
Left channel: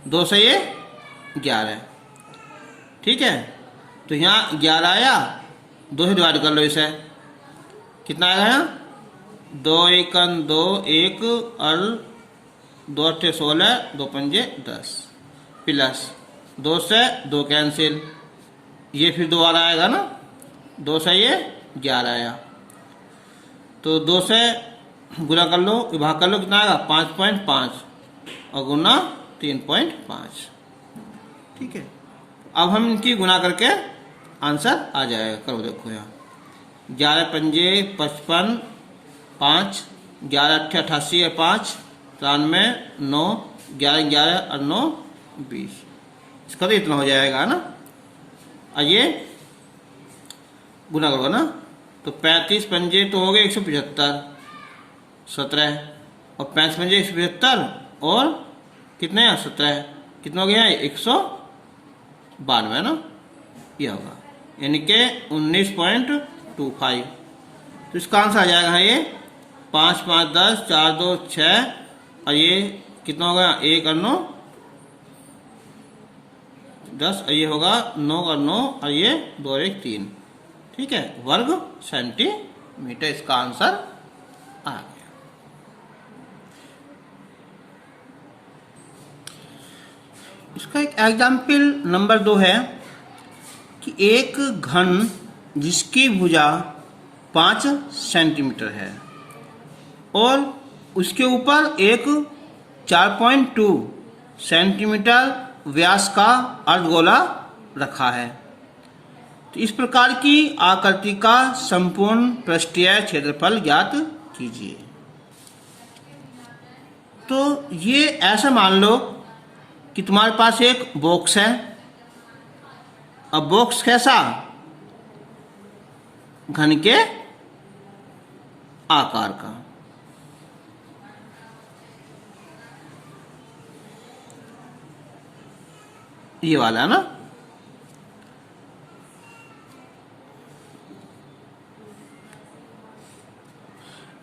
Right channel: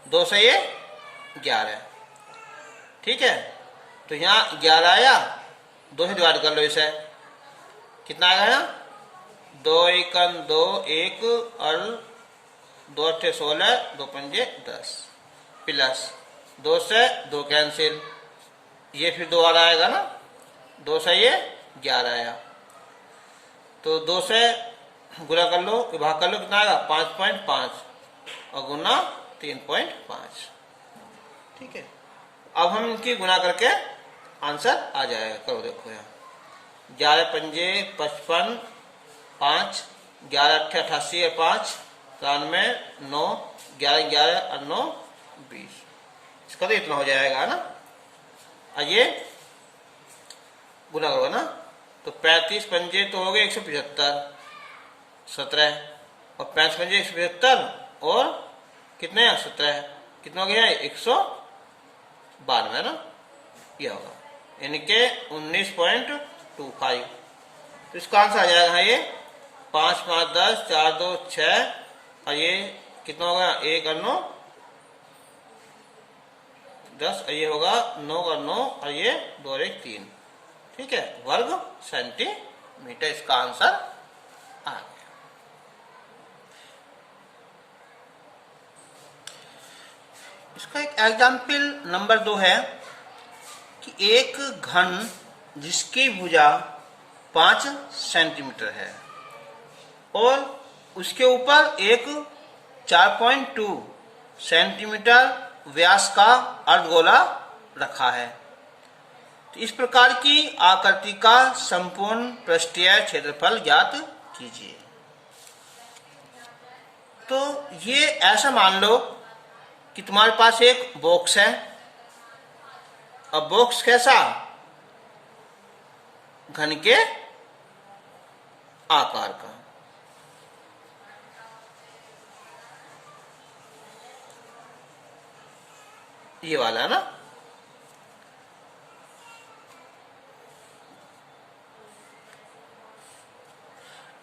2 से ये 11, ठीक है। तो यहाँ 11 आया, 2 से डिवाइड कर लो इसे, कितना आएगा यहाँ 2 1 2 1 और 2 8 16, 2 5 10 प्लस 2 से 2 कैंसिल, ये फिर 2 और आएगा ना, 2 से ये 11 आया, तो 2 से गुना कर लो, विभाग कर लो, कितना आएगा 5.5 और गुना 3.5, ठीक है। अब हम इनकी गुना करके आंसर आ जाएगा। करो देखो यहाँ 11 पंजे 55, 5 11 8 88 है, 5 93 9 11 11 और 9 20, इसका तो इतना हो जाएगा ना। और ये गुना होगा ना, तो 35 पंजे तो हो गए 175, 17 और 35 पंजे 175 और कितने हैं 17, कितना हो गया है 192 ना, यह होगा, यानी कि 19.25। तो इसका आंसर आ जाएगा ये 5 5 10 4 2 6 और ये कितना होगा 1 और 9 10 और ये होगा 9 और 9 और ये 2 और 1 3, ठीक है, वर्ग सेंटीमीटर। इसका आंसर आ गया। इसका एक एग्जाम्पल नंबर 2 है कि एक घन जिसकी भुजा 5 सेंटीमीटर है और उसके ऊपर एक 4.2 सेंटीमीटर व्यास का अर्धगोला रखा है। तो इस प्रकार की आकृति का संपूर्ण पृष्ठीय क्षेत्रफल ज्ञात कीजिए। तो ये ऐसा मान लो कि तुम्हारे पास एक बॉक्स है। अब बॉक्स कैसा, घन के आकार का। ये वाला है ना,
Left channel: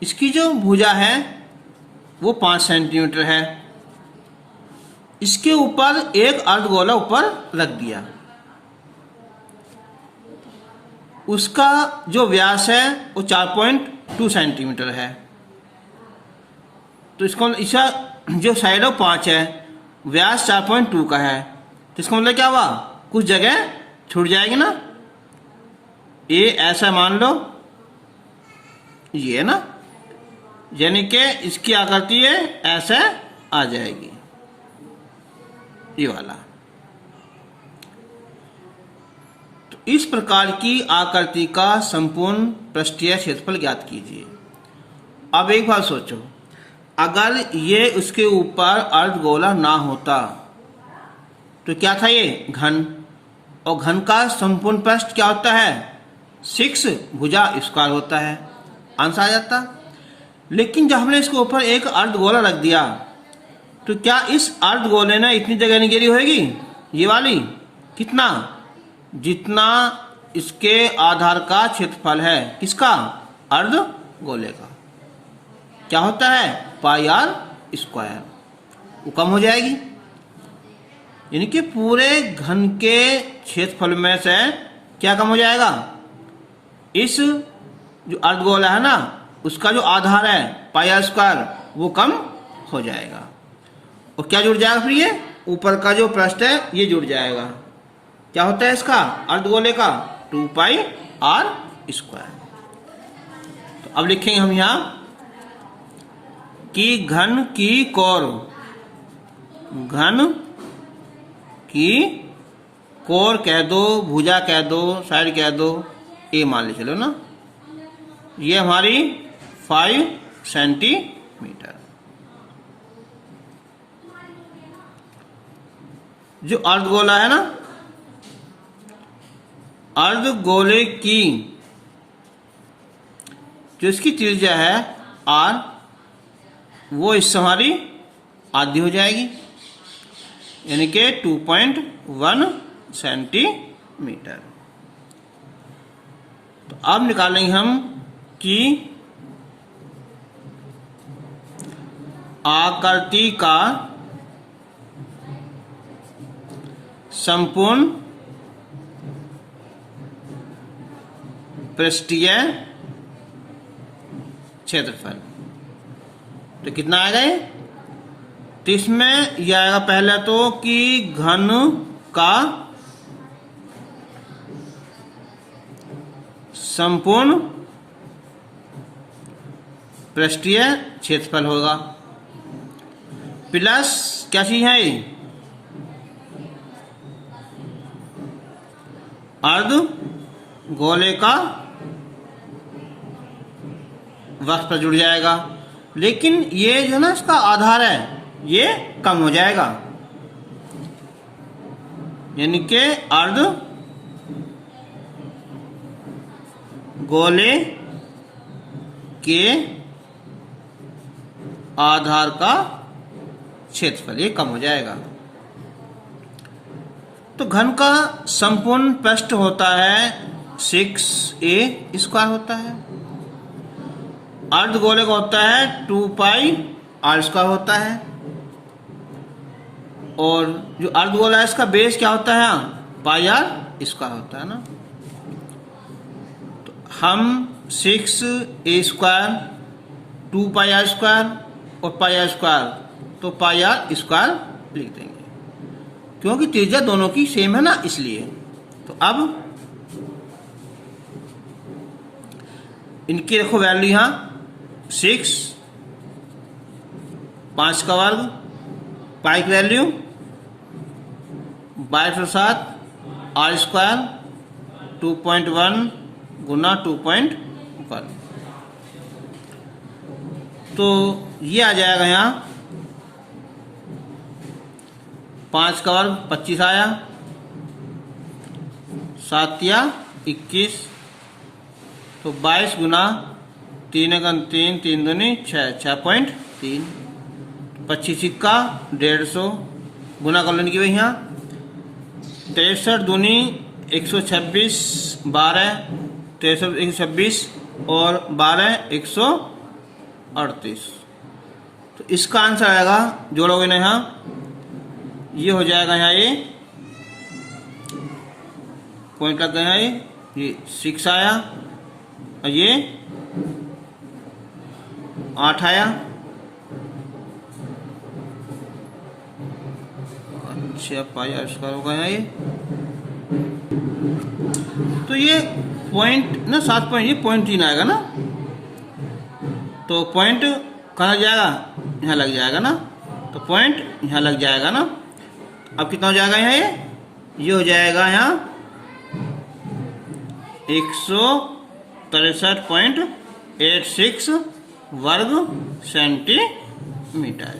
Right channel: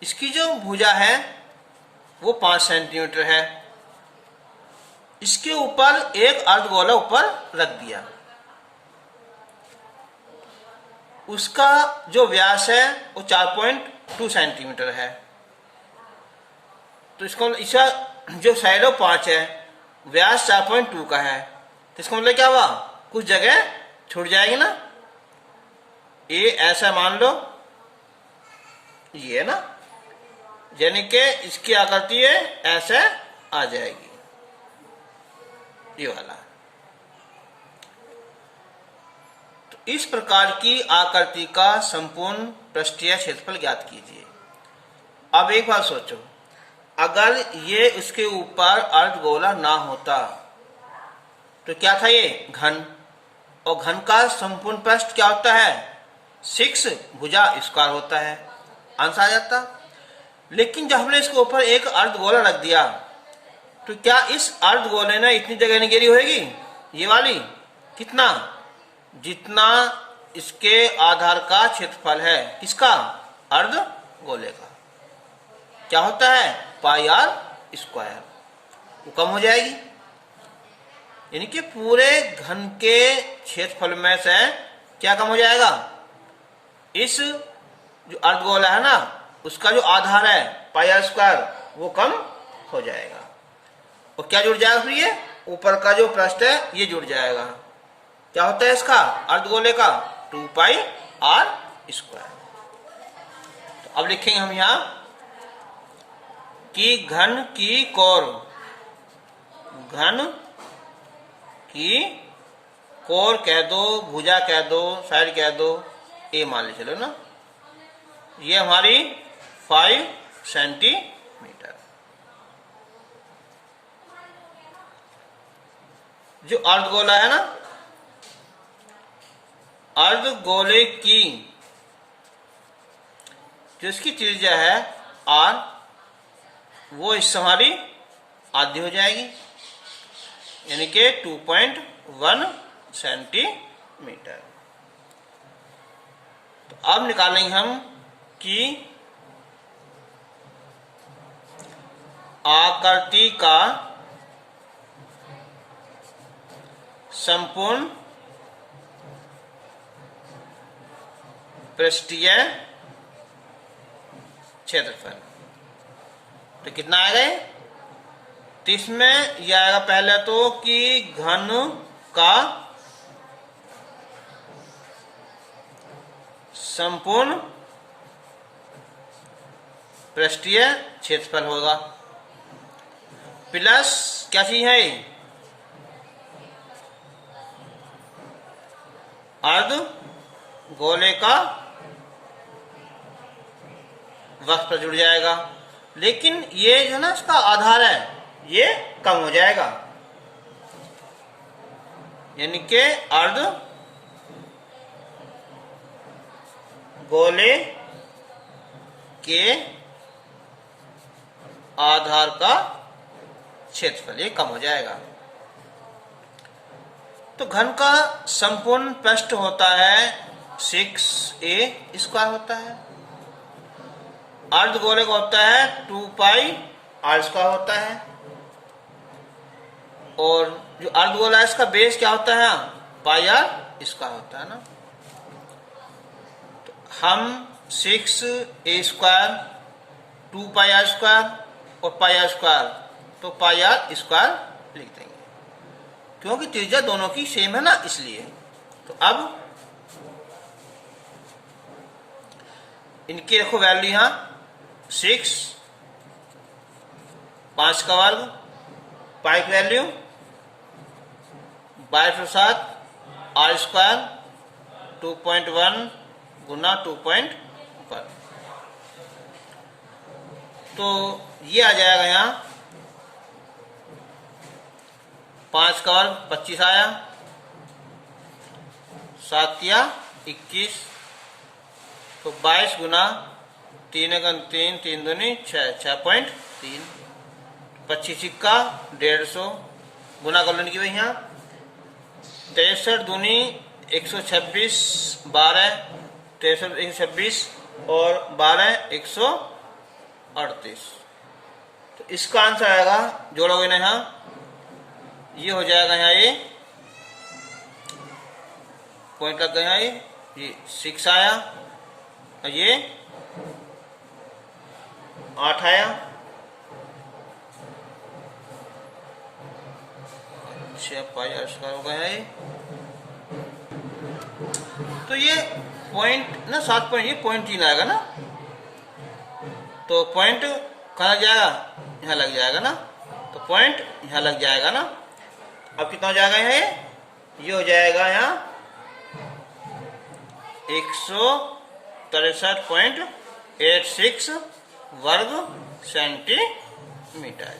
इसकी जो भुजा है वो 5 सेंटीमीटर है। इसके ऊपर एक अर्धगोला ऊपर रख दिया, उसका जो व्यास है वो 4.2 सेंटीमीटर है। तो इसका जो साइड ऑफ 5 है, व्यास 4.2 का है, तो इसका मतलब क्या हुआ, कुछ जगह छूट जाएगी ना। ये ऐसा मान लो, ये है ना, यानी कि इसकी आकृति है ऐसे आ जाएगी, ये वाला। तो इस प्रकार की आकृति का संपूर्ण पृष्ठीय क्षेत्रफल ज्ञात कीजिए। अब एक बात सोचो, अगर ये उसके ऊपर अर्धगोला ना होता तो क्या था, ये घन, और घन का संपूर्ण पृष्ठ क्या होता है, 6 भुजा स्क्वायर होता है, आंसर आ जाता। लेकिन जब हमने इसके ऊपर एक अर्धगोला रख दिया तो क्या इस अर्धगोले ने इतनी जगह नहीं घेरी होगी, ये वाली, कितना, जितना इसके आधार का क्षेत्रफल है, किसका, अर्धगोले का, क्या होता है, पाई आर स्क्वायर, वो कम हो जाएगी। यानी कि पूरे घन के क्षेत्रफल में से क्या कम हो जाएगा, इस जो अर्धगोला है ना, उसका जो आधार है पाई आर स्क्वायर, वो कम हो जाएगा। और क्या जुड़ जाएगा फिर, ये ऊपर का जो पृष्ठ है ये जुड़ जाएगा। क्या होता है इसका, अर्धगोले का 2 पाई आर स्क्वायर। तो अब लिखेंगे हम यहां कि घन की कोर, घन की कोर कह दो, भुजा कह दो, साइड कह दो, ये मान ली चलो ना, ये हमारी 5 सेंटीमीटर। जो अर्धगोला है ना, अर्धगोले की जो इसकी त्रिज्या है r, वो इससे हमारी आधी हो जाएगी, यानी कि 2.1 सेंटीमीटर। तो अब निकालेंगे हम कि आकृति का संपूर्ण पृष्ठीय क्षेत्रफल, तो कितना आएगा ये, तो इसमें यह आएगा पहले तो कि घन का संपूर्ण पृष्ठीय क्षेत्रफल होगा, प्लस क्या चीज है, अर्धगोले का वक्र पर जुड़ जाएगा। लेकिन ये जो ना इसका आधार है ये कम हो जाएगा, यानी कि अर्धगोले के आधार का क्षेत्रफल ये कम हो जाएगा। तो घन का संपूर्ण पृष्ठ होता है 6a स्क्वायर होता है, अर्धगोले का होता है 2 पाई आर स्क्वायर होता है, और जो अर्धगोला है इसका बेस क्या होता है, पाई आर स्क्वायर होता है ना। तो हम 6a square, 2 pi are square और पाई आर स्क्वायर, तो पाई आर स्क्वायर लिख देंगे क्योंकि त्रिज्या दोनों की सेम है ना, इसलिए। तो अब इनकी रखो वैल्यू यहां, 6 5 का वर्ग, पाई की वैल्यू 22 आर स्क्वायर 2.1 गुना 2.1, तो ये आ जाएगा यहां 5 का वर्ग 25 आया, 7 या 21, तो 22 गुना 3 एकम 3, 3 दूनी 6, 6.3, 25 सिक्का 150 गुना कर लेने की भाई यहाँ 63 दूनी 126, 12 63 126 और 12 138, तो इसका आंसर आएगा, जोड़ोगे ना यहाँ, ये हो जाएगा यहाँ, ये पॉइंट लग गया, ये 6 आया और ये 8 आया, 6 पाई आर स्क्वायर होगा ये। तो ये पॉइंट ना 7 पॉइंट, ये पॉइंट 3 आएगा ना, तो पॉइंट कहाँ लग जाएगा, यहाँ लग जाएगा ना, तो पॉइंट यहाँ लग जाएगा ना। अब कितना हो जाएगा यहाँ, ये हो जाएगा यहाँ 163.86 वर्ग सेंटीमीटर।